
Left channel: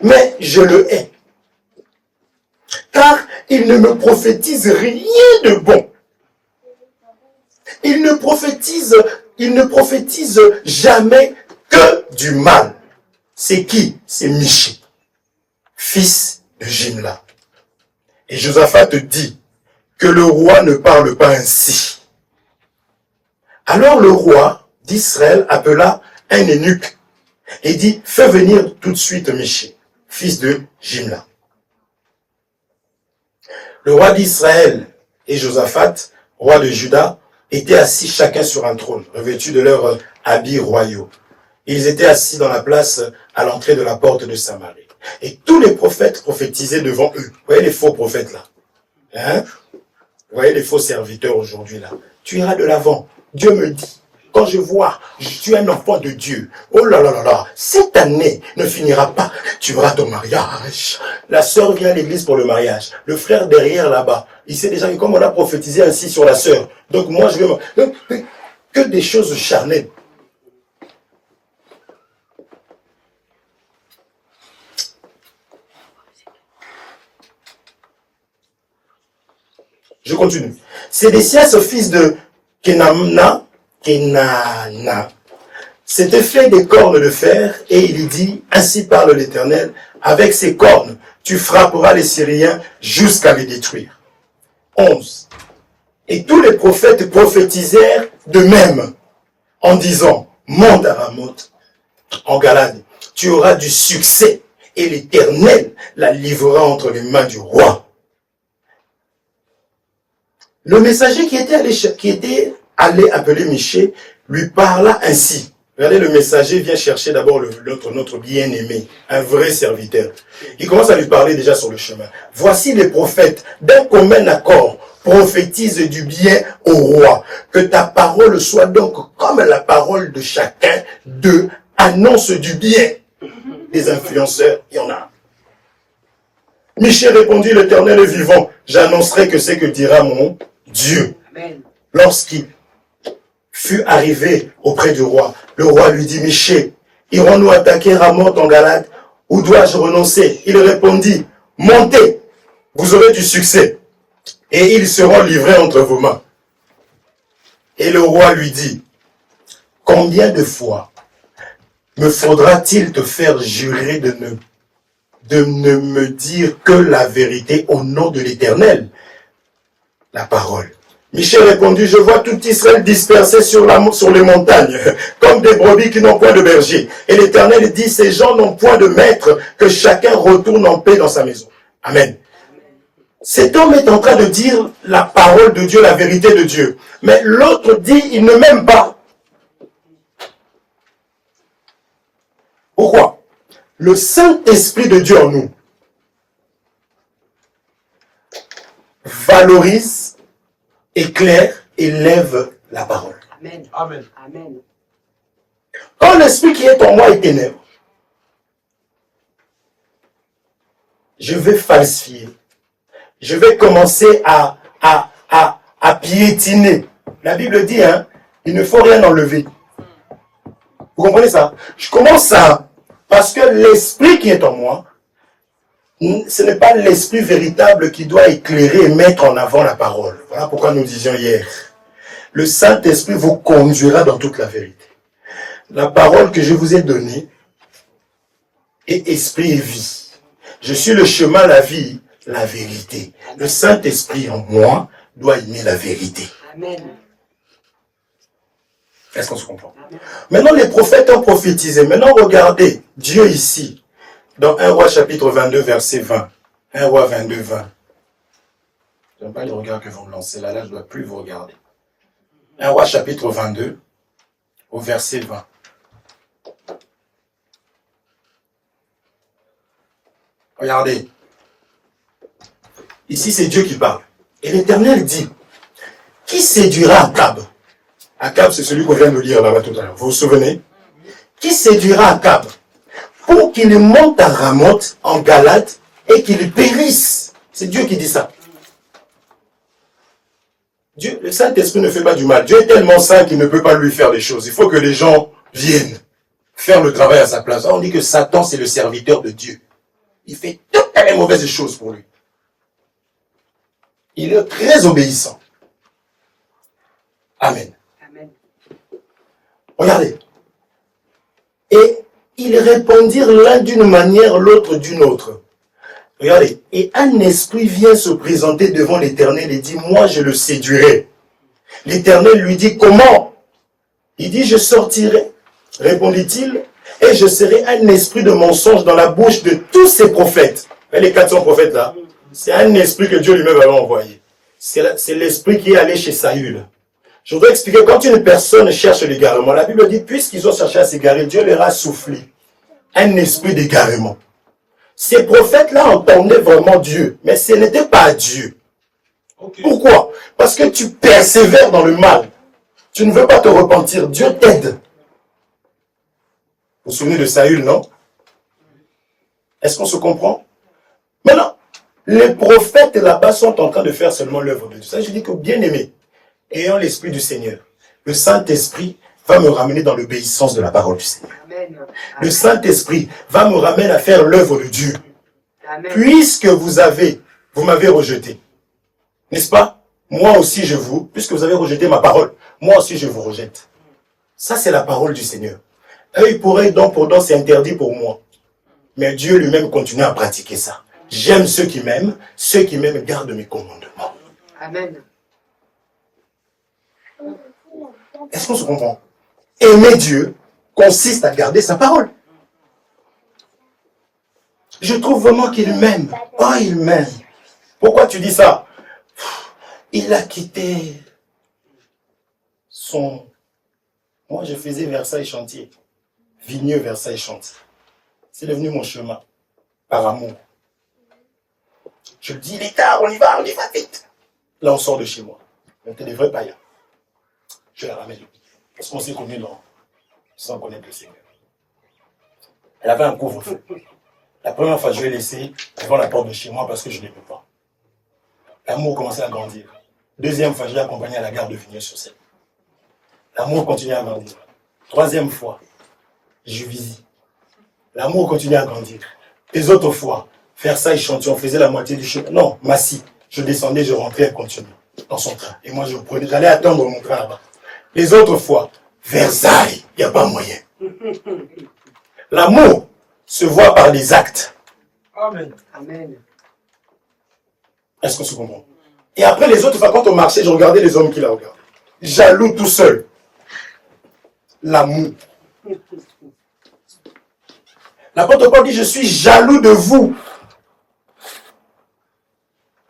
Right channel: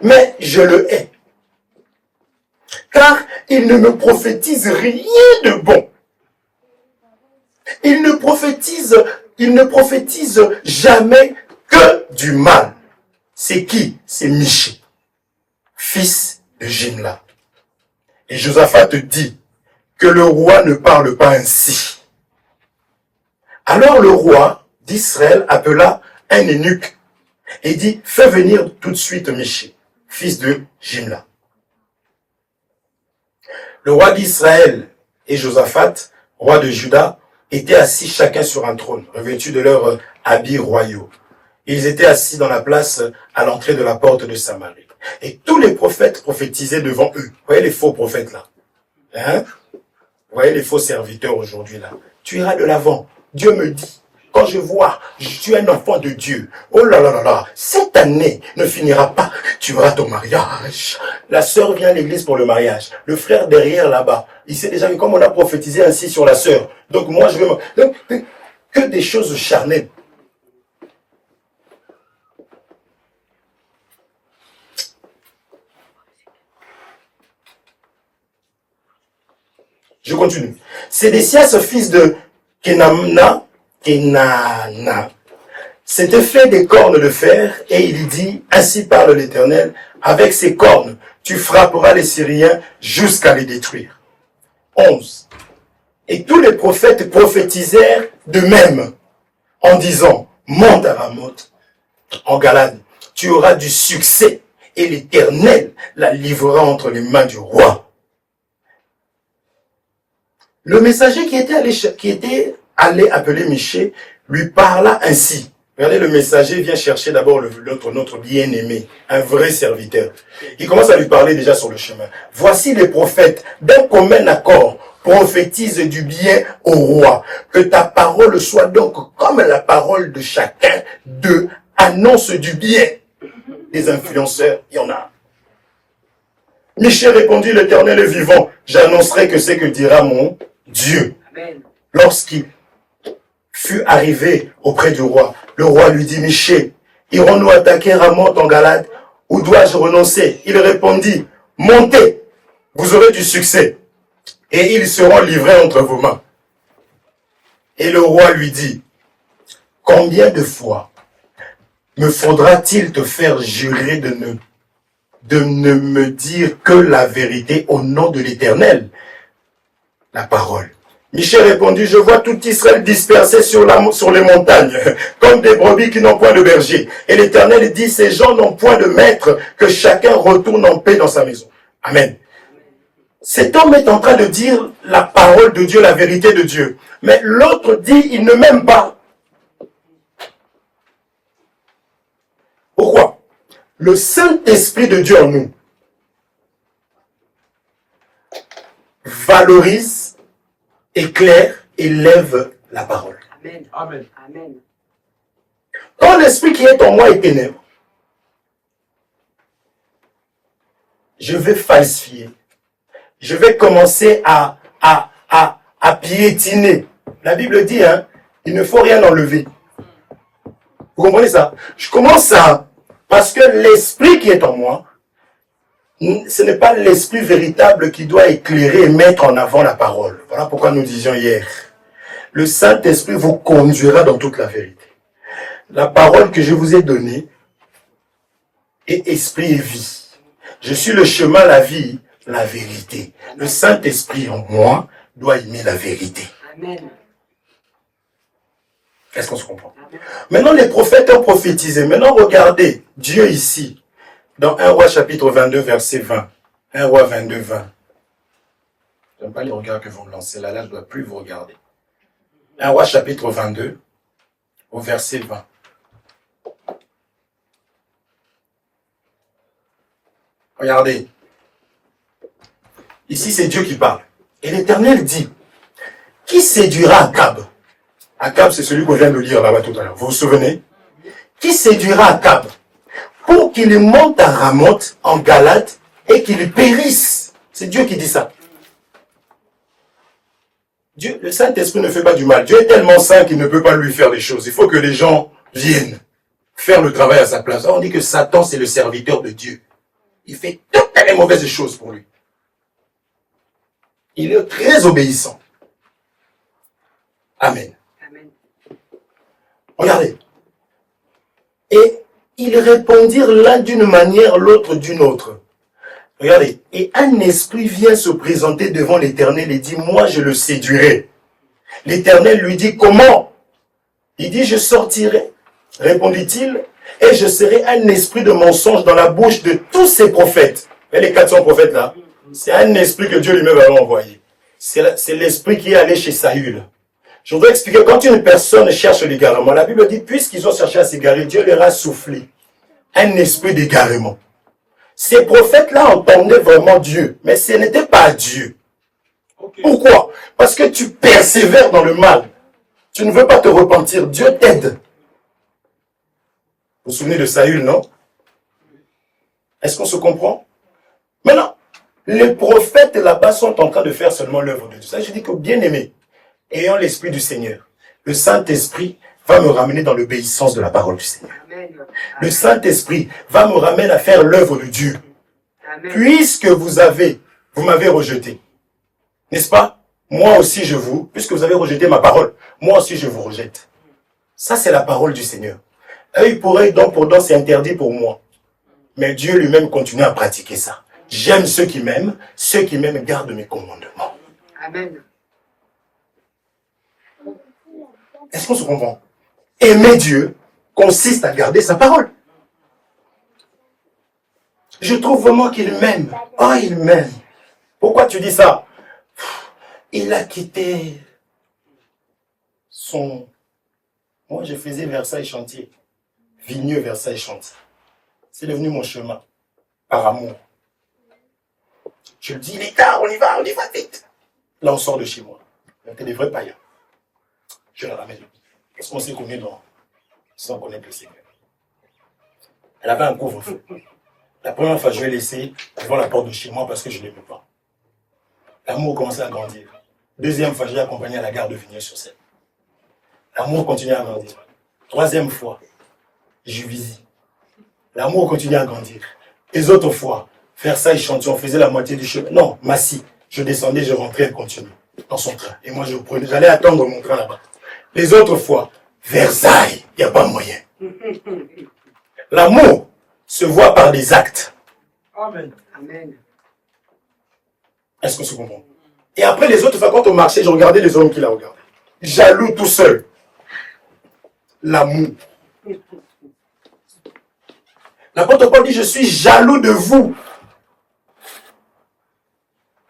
Mais je le hais. Car il ne me prophétise rien de bon. Il ne prophétise jamais que du mal. C'est qui? C'est Miché, fils de Jimla. Et Josaphat dit que le roi ne parle pas ainsi. Alors le roi d'Israël appela un eunuque et dit, fais venir tout de suite Miché, fils de Jimla. Le roi d'Israël et Josaphat, roi de Juda, étaient assis chacun sur un trône, revêtus de leurs habits royaux. Ils étaient assis dans la place à l'entrée de la porte de Samarie. Et tous les prophètes prophétisaient devant eux. Vous voyez les faux prophètes là? Hein? Vous voyez les faux serviteurs aujourd'hui là? Tu iras de l'avant. Dieu me dit, quand je vois, je suis un enfant de Dieu. Oh là là là là, cette année ne finira pas. Tu auras ton mariage. La sœur vient à l'église pour le mariage. Le frère derrière là-bas, il sait déjà que comme on a prophétisé ainsi sur la sœur, donc moi je vais... Donc, que des choses charnelles. Je continue. Sédécias, fils de Kenana, s'était fait des cornes de fer, et il dit, ainsi parle l'Éternel, avec ces cornes, tu frapperas les Syriens jusqu'à les détruire. 11. Et tous les prophètes prophétisèrent de même, en disant, monte à Ramoth, en Galade, tu auras du succès, et l'Éternel la livrera entre les mains du roi. Le messager qui était allé appeler Miché lui parla ainsi. Regardez, le messager vient chercher d'abord notre bien-aimé, un vrai serviteur. Il commence à lui parler déjà sur le chemin. Voici les prophètes, d'un commun accord, prophétisent du bien au roi. Que ta parole soit donc comme la parole de chacun d'eux, annonce du bien. Les influenceurs, il y en a. Miché répondit, l'Éternel est vivant. J'annoncerai que c'est que dira mon Dieu. Amen. Lorsqu'il fut arrivé auprès du roi, le roi lui dit, Miché, irons-nous attaquer Ramoth en Galade, ou dois-je renoncer? Il répondit, montez, vous aurez du succès, et ils seront livrés entre vos mains. Et le roi lui dit, combien de fois me faudra-t-il te faire jurer de ne me dire que la vérité au nom de l'Éternel? La parole. Michel répondit, je vois tout Israël dispersé sur les montagnes, comme des brebis qui n'ont point de berger. Et l'Éternel dit, ces gens n'ont point de maître, que chacun retourne en paix dans sa maison. Amen. Cet homme est en train de dire la parole de Dieu, la vérité de Dieu. Mais l'autre dit, il ne m'aime pas. Pourquoi? Le Saint-Esprit de Dieu en nous valorise, éclaire, élève la parole. Amen. Amen. Amen. Quand l'esprit qui est en moi est ténèbre, je vais falsifier. Je vais commencer à piétiner. La Bible dit, hein, il ne faut rien enlever. Vous comprenez ça? Je commence à... Parce que l'esprit qui est en moi, ce n'est pas l'esprit véritable qui doit éclairer et mettre en avant la parole. Voilà pourquoi nous disions hier. Le Saint-Esprit vous conduira dans toute la vérité. La parole que je vous ai donnée est esprit et vie. Je suis le chemin, la vie, la vérité. Le Saint-Esprit en moi doit aimer la vérité. Amen. Est-ce qu'on se comprend? Maintenant, les prophètes ont prophétisé. Maintenant, regardez, Dieu ici, dans 1 Roi chapitre 22, verset 20. 1 Roi 22, 20. Je n'aime pas les regards que vous me lancez là, je ne dois plus vous regarder. 1 Roi chapitre 22, au verset 20. Regardez. Ici, c'est Dieu qui parle. Et l'Éternel dit, qui séduira Akab? Akab, c'est celui qu'on vient de lire là-bas tout à l'heure. Vous vous souvenez? Qui séduira Akab pour qu'il monte à Ramoth en Galade et qu'il périsse? C'est Dieu qui dit ça. Dieu, le Saint-Esprit ne fait pas du mal. Dieu est tellement saint qu'il ne peut pas lui faire des choses. Il faut que les gens viennent faire le travail à sa place. On dit que Satan, c'est le serviteur de Dieu. Il fait toutes les mauvaises choses pour lui. Il est très obéissant. Amen. Amen. Regardez. Et ils répondirent l'un d'une manière, l'autre d'une autre. Regardez. Et un esprit vient se présenter devant l'Éternel et dit, moi je le séduirai. L'Éternel lui dit, comment? Il dit, je sortirai, répondit-il, et je serai un esprit de mensonge dans la bouche de tous ces prophètes. Mais les 400 prophètes là, c'est un esprit que Dieu lui-même avait envoyé. C'est l'esprit qui est allé chez Saül. Je voudrais expliquer, quand une personne cherche l'égarement, la Bible dit, puisqu'ils ont cherché à s'égarer, Dieu leur a soufflé un esprit d'égarement. Ces prophètes-là entendaient vraiment Dieu, mais ce n'était pas Dieu. Ok. Pourquoi? Parce que tu persévères dans le mal. Tu ne veux pas te repentir. Dieu t'aide. Vous vous souvenez de Saül, non? Est-ce qu'on se comprend? Maintenant, les prophètes là-bas sont en train de faire seulement l'œuvre de Dieu. Ça, je dis que bien aimé, ayant l'Esprit du Seigneur, le Saint-Esprit va me ramener dans l'obéissance de la parole du Seigneur. Amen. Le Saint-Esprit va me ramener à faire l'œuvre de Dieu. Amen. Puisque vous m'avez rejeté, n'est-ce pas? Moi aussi puisque vous avez rejeté ma parole, moi aussi je vous rejette. Ça c'est la parole du Seigneur. Œil pour œil, dent pour dent, c'est interdit pour moi. Mais Dieu lui-même continue à pratiquer ça. J'aime ceux qui m'aiment gardent mes commandements. Amen. Est-ce qu'on se comprend? Aimer Dieu consiste à garder sa parole. Je trouve vraiment qu'il m'aime. Oh, il m'aime. Pourquoi tu dis ça? Il a quitté son... Moi, je faisais Versailles-Chantier. Vigneux, Versailles-Chantier. C'est devenu mon chemin. Par amour. Je me dis, il est tard, on y va vite. Là, on sort de chez moi. On était des vrais païens. Je la ramène. Parce qu'on s'est connus sans connaître le Seigneur. Elle avait un couvre-feu. La première fois, je l'ai laissé devant la porte de chez moi parce que je ne l'aimais pas. L'amour commençait à grandir. Deuxième fois, je l'ai accompagné à la gare de Vigneux-sur-Seine. L'amour continue à grandir. Troisième fois, je visite. L'amour continue à grandir. Les autres fois, Versailles-Chantier, on faisait la moitié du chemin. Non, Massy. Je descendais, je rentrais, elle continuait dans son train. Et moi, j'allais attendre mon train là-bas. Les autres fois, Versailles, il n'y a pas moyen. L'amour se voit par les actes. Amen. Amen. Est-ce qu'on se comprend? Et après, les autres fois, quand on marchait, je regardais les hommes qui la regardaient. Jaloux tout seul. L'amour. L'apôtre Paul dit, je suis jaloux de vous.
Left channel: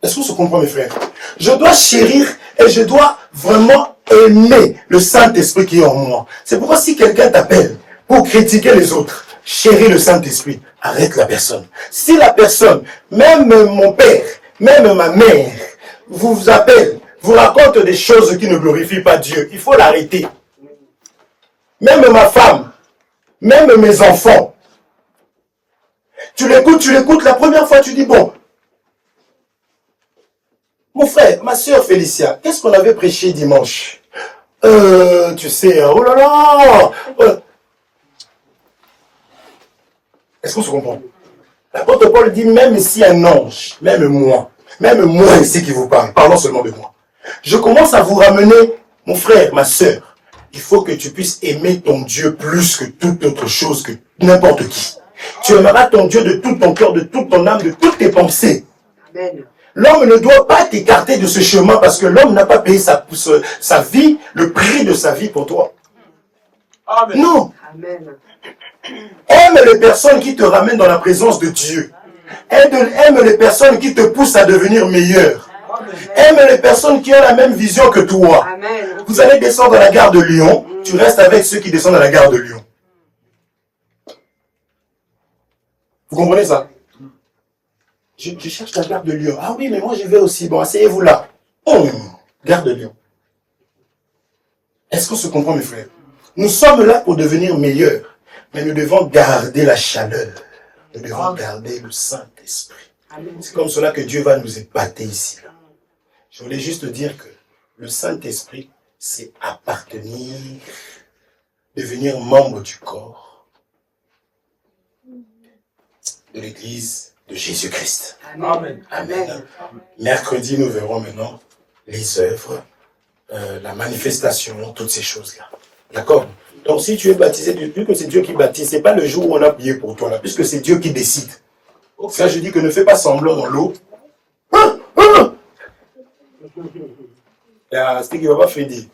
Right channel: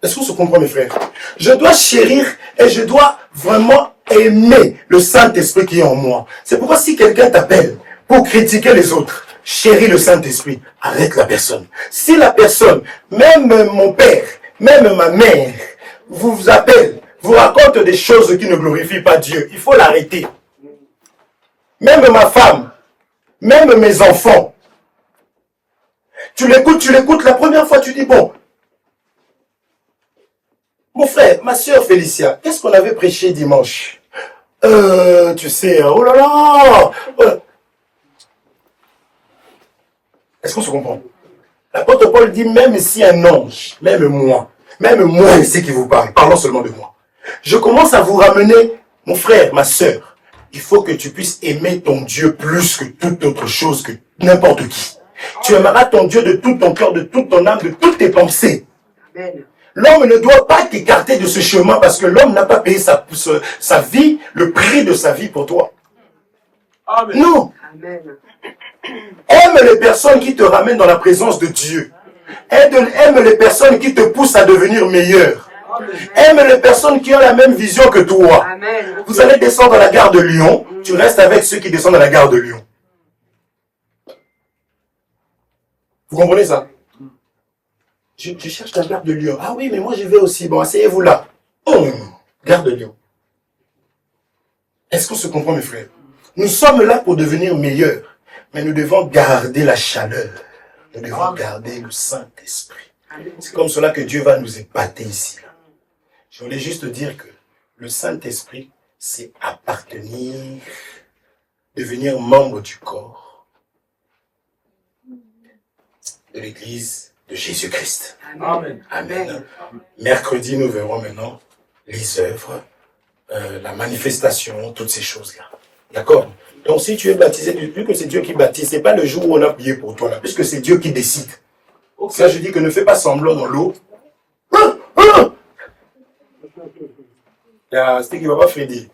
Est-ce qu'on se comprend, mes frères? Je dois chérir et je dois vraiment aimer le Saint-Esprit qui est en moi. C'est pourquoi si quelqu'un t'appelle pour critiquer les autres, chéris le Saint-Esprit, arrête la personne. Si la personne, même mon père, même ma mère, vous appelle, vous raconte des choses qui ne glorifient pas Dieu, il faut l'arrêter. Même ma femme, même mes enfants. Tu l'écoutes, la première fois tu dis, bon, mon frère, ma soeur Félicia, qu'est-ce qu'on avait prêché dimanche? Tu sais, oh là là, Est-ce qu'on se comprend? L'apôtre Paul dit, même si un ange, même moi, c'est qui vous parle, parlons seulement de moi. Je commence à vous ramener, mon frère, ma soeur, il faut que tu puisses aimer ton Dieu plus que toute autre chose, que n'importe qui. Tu aimeras ton Dieu de tout ton cœur, de toute ton âme, de toutes tes pensées. Amen. L'homme ne doit pas t'écarter de ce chemin parce que l'homme n'a pas payé sa vie, le prix de sa vie pour toi. Amen. Non. Amen. Aime les personnes qui te ramènent dans la présence de Dieu. Aime les personnes qui te poussent à devenir meilleur. Amen. Aime les personnes qui ont la même vision que toi. Amen. Vous allez descendre à la gare de Lyon, tu restes avec ceux qui descendent à la gare de Lyon. Vous comprenez ça? Je cherche la gare de Lyon. Ah oui, mais moi je vais aussi. Bon, asseyez-vous là. Gare de Lyon. Est-ce qu'on se comprend, mes frères? Nous sommes là pour devenir meilleurs. Mais nous devons garder la chaleur. Nous devons garder le Saint-Esprit. C'est comme cela que Dieu va nous épater ici. Je voulais juste dire que le Saint-Esprit, c'est appartenir, devenir membre du corps de l'Église de Jésus-Christ. Amen. Amen. Mercredi, nous verrons maintenant les œuvres, la manifestation, toutes ces choses-là. D'accord? Donc si tu es baptisé, plus que c'est Dieu qui baptise, c'est pas le jour où on a prié pour toi, là, puisque c'est Dieu qui décide. Ça, je dis que ne fais pas semblant dans l'eau. C'était Papa Freddy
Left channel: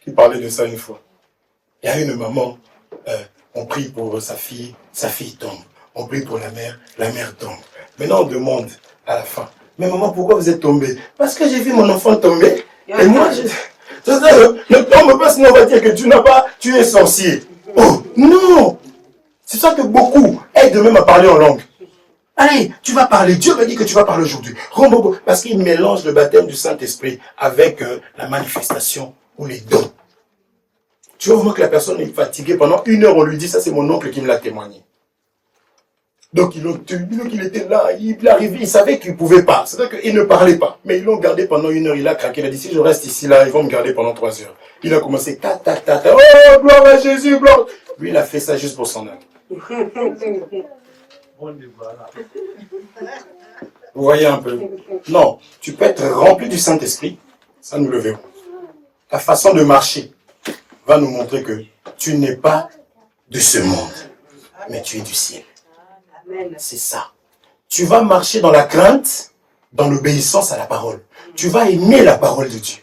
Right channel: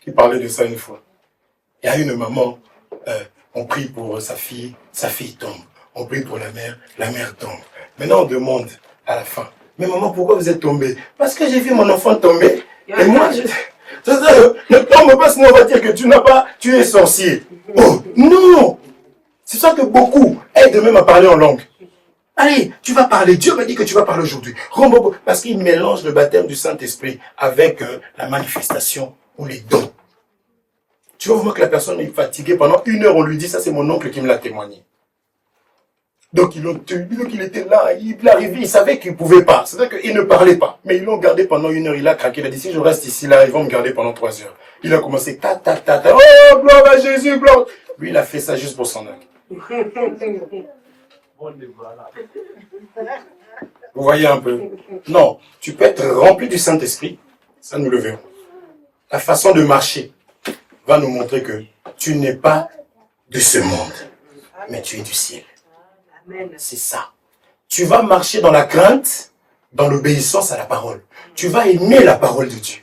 qui parlait de ça une fois. Il y a une maman, on prie pour sa fille tombe. On prie pour la mère tombe. Maintenant on demande à la fin, mais maman, pourquoi vous êtes tombée? Parce que j'ai vu mon enfant tomber, et moi, ne tombe pas, sinon on va dire que tu es sorcier. Oh, non! C'est ça que beaucoup aident même à parler en langue. Allez, tu vas parler. Dieu m'a dit que tu vas parler aujourd'hui. Parce qu'il mélange le baptême du Saint-Esprit avec la manifestation ou les dons. Tu vas voir que la personne est fatiguée. Pendant 1 heure, on lui dit, ça c'est mon oncle qui me l'a témoigné. Donc il était là, il est arrivé, il savait qu'il ne pouvait pas. C'est-à-dire qu'il ne parlait pas. Mais ils l'ont gardé pendant 1 heure, il a craqué. Il a dit, si je reste ici, là, ils vont me garder pendant 3 heures. Il a commencé, oh, gloire à Jésus, gloire. Lui, il a fait ça juste pour son âme. Vous voyez un peu? Non, tu peux être rempli du Saint-Esprit, ça nous le verrons. La façon de marcher va nous montrer que tu n'es pas de ce monde, mais tu es du ciel. C'est ça. Tu vas marcher dans la crainte, dans l'obéissance à la parole. Tu vas aimer la parole de Dieu.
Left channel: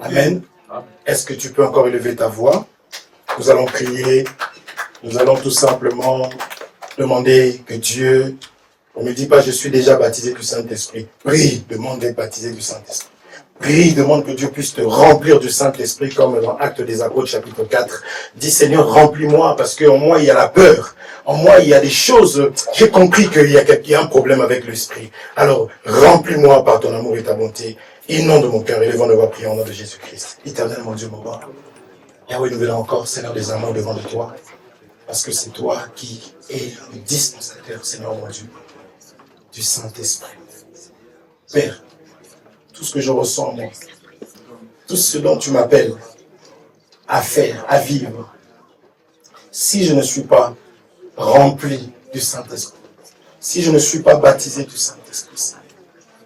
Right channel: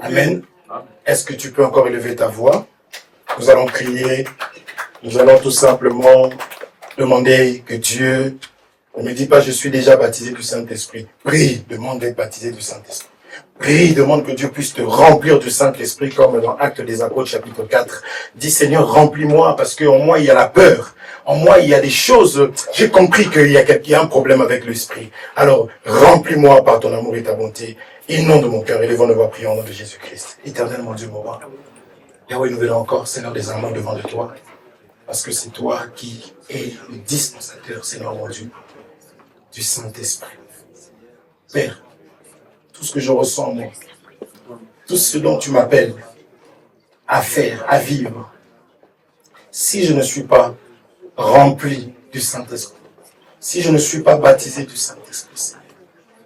Amen. Est-ce que tu peux encore élever ta voix? Nous allons prier. Nous allons tout simplement demander que Dieu, on ne me dit pas je suis déjà baptisé du Saint-Esprit. Prie, demande d'être baptisé du Saint-Esprit. Prie, demande que Dieu puisse te remplir du Saint-Esprit comme dans Actes des Apôtres chapitre 4. Dis Seigneur, remplis-moi parce qu'en moi il y a la peur. En moi il y a des choses, j'ai compris qu'il y a un problème avec l'Esprit. Alors remplis-moi par ton amour et ta bonté. Inonde mon cœur, élevons nos voix, prions au nom de Jésus-Christ. Éternel mon Dieu, mon roi. Yahweh, nous venons encore, Seigneur, des amours devant de toi. Parce que c'est toi qui es le dispensateur, Seigneur mon Dieu, du Saint-Esprit. Père, tout ce que je ressens, moi, tout ce dont tu m'appelles à faire, à vivre, si je ne suis pas rempli du Saint-Esprit, si je ne suis pas baptisé du Saint-Esprit,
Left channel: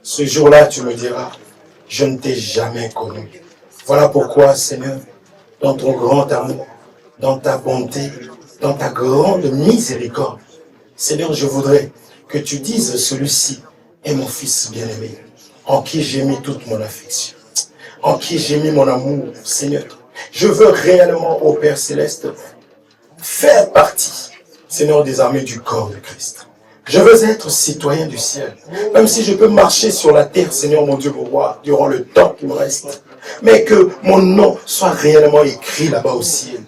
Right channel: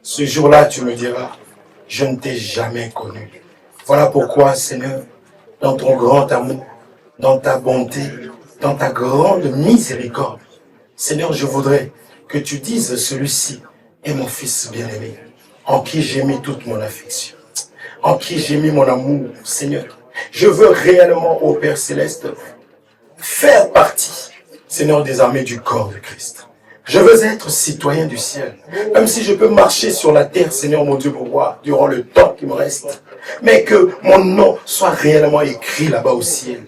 ce jour-là, tu me diras, je ne t'ai jamais connu. Voilà pourquoi, Seigneur, dans ton grand amour, dans ta bonté, dans ta grande miséricorde, Seigneur, je voudrais que tu dises, celui-ci est mon fils bien-aimé, en qui j'ai mis toute mon affection, en qui j'ai mis mon amour, Seigneur. Je veux réellement, ô Père Céleste, faire partie, Seigneur, des armées du corps de Christ. Je veux être citoyen du ciel, même si je peux marcher sur la terre, Seigneur mon Dieu, mon roi, durant le temps qui me reste, mais que mon nom soit réellement écrit là-bas au ciel.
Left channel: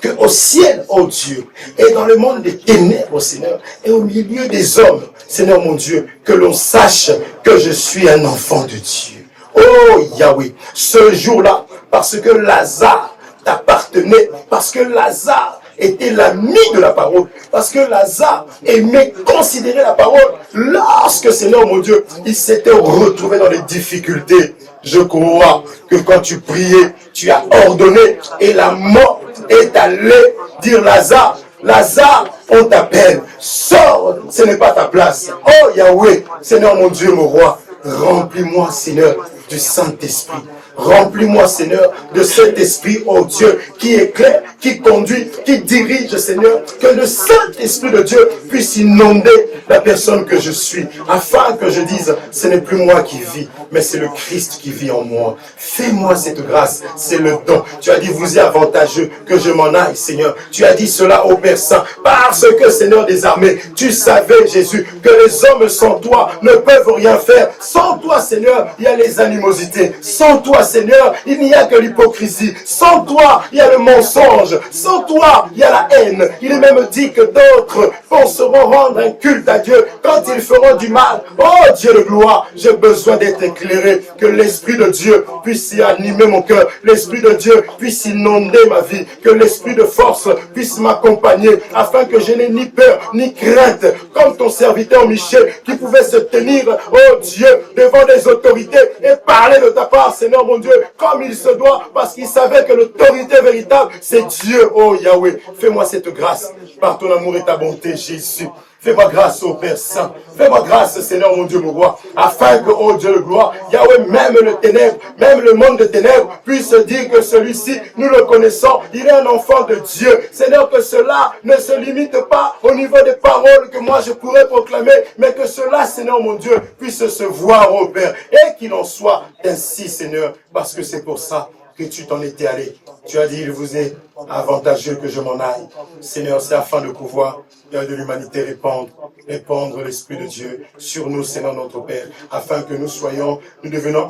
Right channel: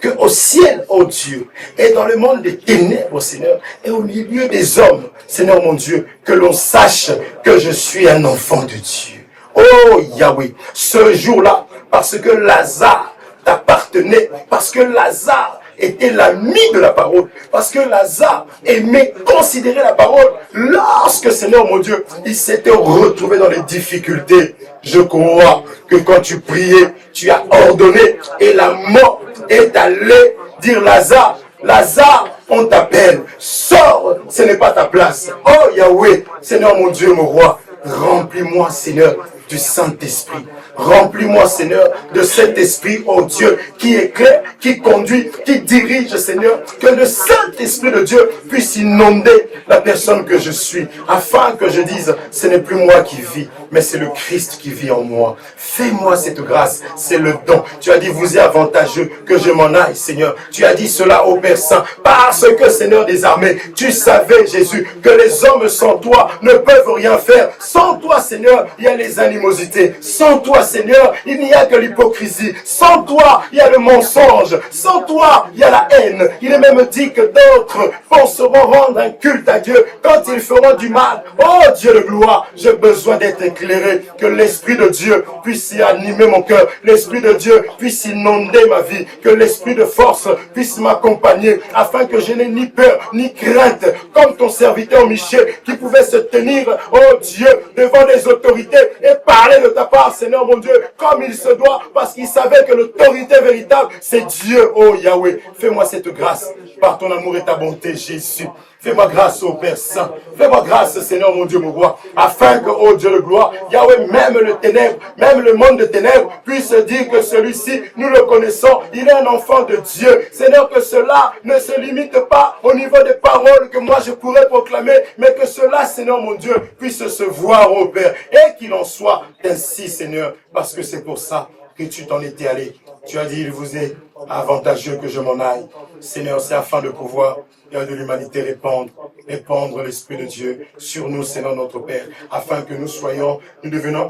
Que au ciel, ô Dieu, et dans le monde des ténèbres, Seigneur, et au milieu des hommes, Seigneur mon Dieu, que l'on sache que je suis un enfant de Dieu. Oh Yahweh, ce jour-là, parce que Lazare t'appartenait, parce que Lazare était l'ami de la parole, parce que Lazare aimait considérer la parole, lorsque, Seigneur mon Dieu, il s'était retrouvé dans les difficultés. Je crois que quand tu priais, tu as ordonné et la mort est allée dire Lazare, Lazare, on t'appelle, sors, ce n'est pas ta place. Oh Yahweh, Seigneur mon Dieu, mon roi, remplis-moi, Seigneur, du Saint-Esprit. Remplis-moi, Seigneur, de cet esprit, oh Dieu, qui éclaire, qui conduit, qui dirige, Seigneur, que le Saint-Esprit de Dieu puisse inonder la personne que je suis, afin que je dise, ce n'est plus moi qui vis, mais c'est le Christ qui vit en moi. Fais-moi cette grâce, c'est le don. Tu as dit, vous êtes avantageux que je m'en aille, Seigneur. Tu as dit cela au Père Saint, parce que, Seigneur des armées, tu savais, Jésus, que les hommes sans toi ne peuvent rien faire. Sans toi, Seigneur, il y a les animosités. Sans toi, Seigneur, il n'y a que l'hypocrisie. Sans toi, il y a le mensonge. Sans toi, il y a la haine. Il est même dit que d'autres penseront rendre un culte à Dieu quand ils feront du mal. Oh Dieu de gloire, j'ai besoin d'être éclairé. Que l'Esprit de Dieu puisse y animer mon cœur. L'Esprit de Dieu puisse inonder ma vie. Que l'Esprit de force puisse m'accompagner afin que je n'ai ni peur ni crainte. Comme ton serviteur Michel qui pouvait se tenir, oh Dieu, devant des autorités et parler de ta part, Seigneur mon Dieu, comme il se doit, parce qu'il savait que l'autorité véritable, c'est Dieu, oh Yahweh. Fais-moi cette grâce par ton amour et ta bonté, Jésus. Fais-moi grâce au Père Saint. Fais-moi grâce, Seigneur mon Dieu, mon roi, afin que, oh Dieu de gloire, Yahweh, même le ténèbre, même le monde de ténèbres, puisse dire que celui-ci, nous le connaissons, il est un enfant de Dieu. Seigneur, que cela ne se limite pas au niveau des paroles que moi je pourrais proclamer, mais que cela, Seigneur mon Dieu, puisse se voir, oh Père, et qu'il en soit ainsi, Seigneur, parce que c'est pour ça que tu t'en étais allé. Tu as dit, il vous est avantageux que je m'en aille. Seigneur, c'est afin de pouvoir, de l'humanité, répandre l'Esprit de Dieu sur nous, Seigneur notre Père, afin que nous soyons, nous devenons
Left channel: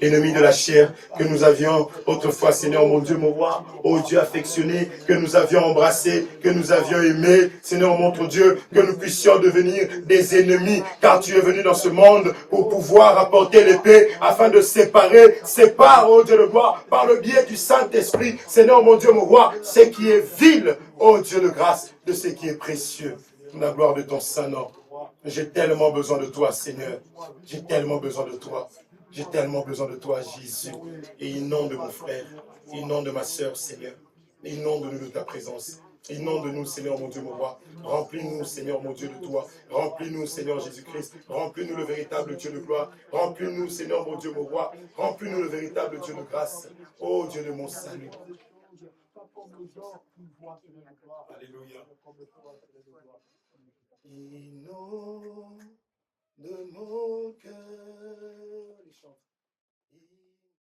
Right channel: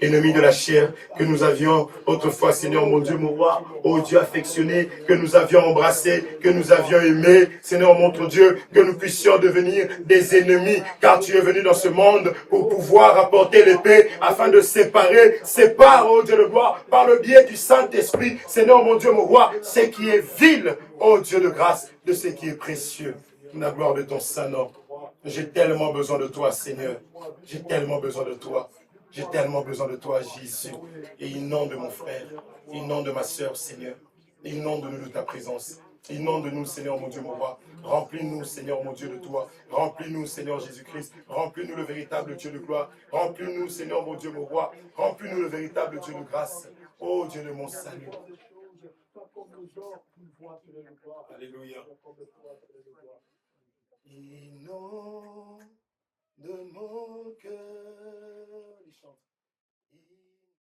ennemis de la chair, que nous avions autrefois, Seigneur mon Dieu, mon roi, ô Dieu affectionné, que nous avions embrassé, que nous avions aimé, Seigneur mon Dieu, que nous puissions devenir des ennemis, car tu es venu dans ce monde pour pouvoir apporter l'épée, afin de séparer, sépare, ô Dieu de gloire, par le biais du Saint-Esprit, Seigneur mon Dieu, mon roi, ce qui est vil, ô Dieu de grâce, de ce qui est précieux. La gloire de ton Saint-Nom. J'ai tellement besoin de toi, Seigneur. J'ai tellement besoin de toi. J'ai tellement besoin de toi, Jésus. Et inonde mon frère, inonde ma sœur, Seigneur. Inonde-nous de ta présence. Inonde-nous, Seigneur, mon Dieu, mon roi. Remplis-nous, Seigneur, mon Dieu, de toi. Remplis-nous, Seigneur Jésus-Christ. Remplis-nous le véritable Dieu de gloire. Remplis-nous, Seigneur, mon Dieu, mon roi. Remplis-nous le véritable Dieu de grâce. Ô Dieu de mon salut. Alléluia. Inonde de mon cœur.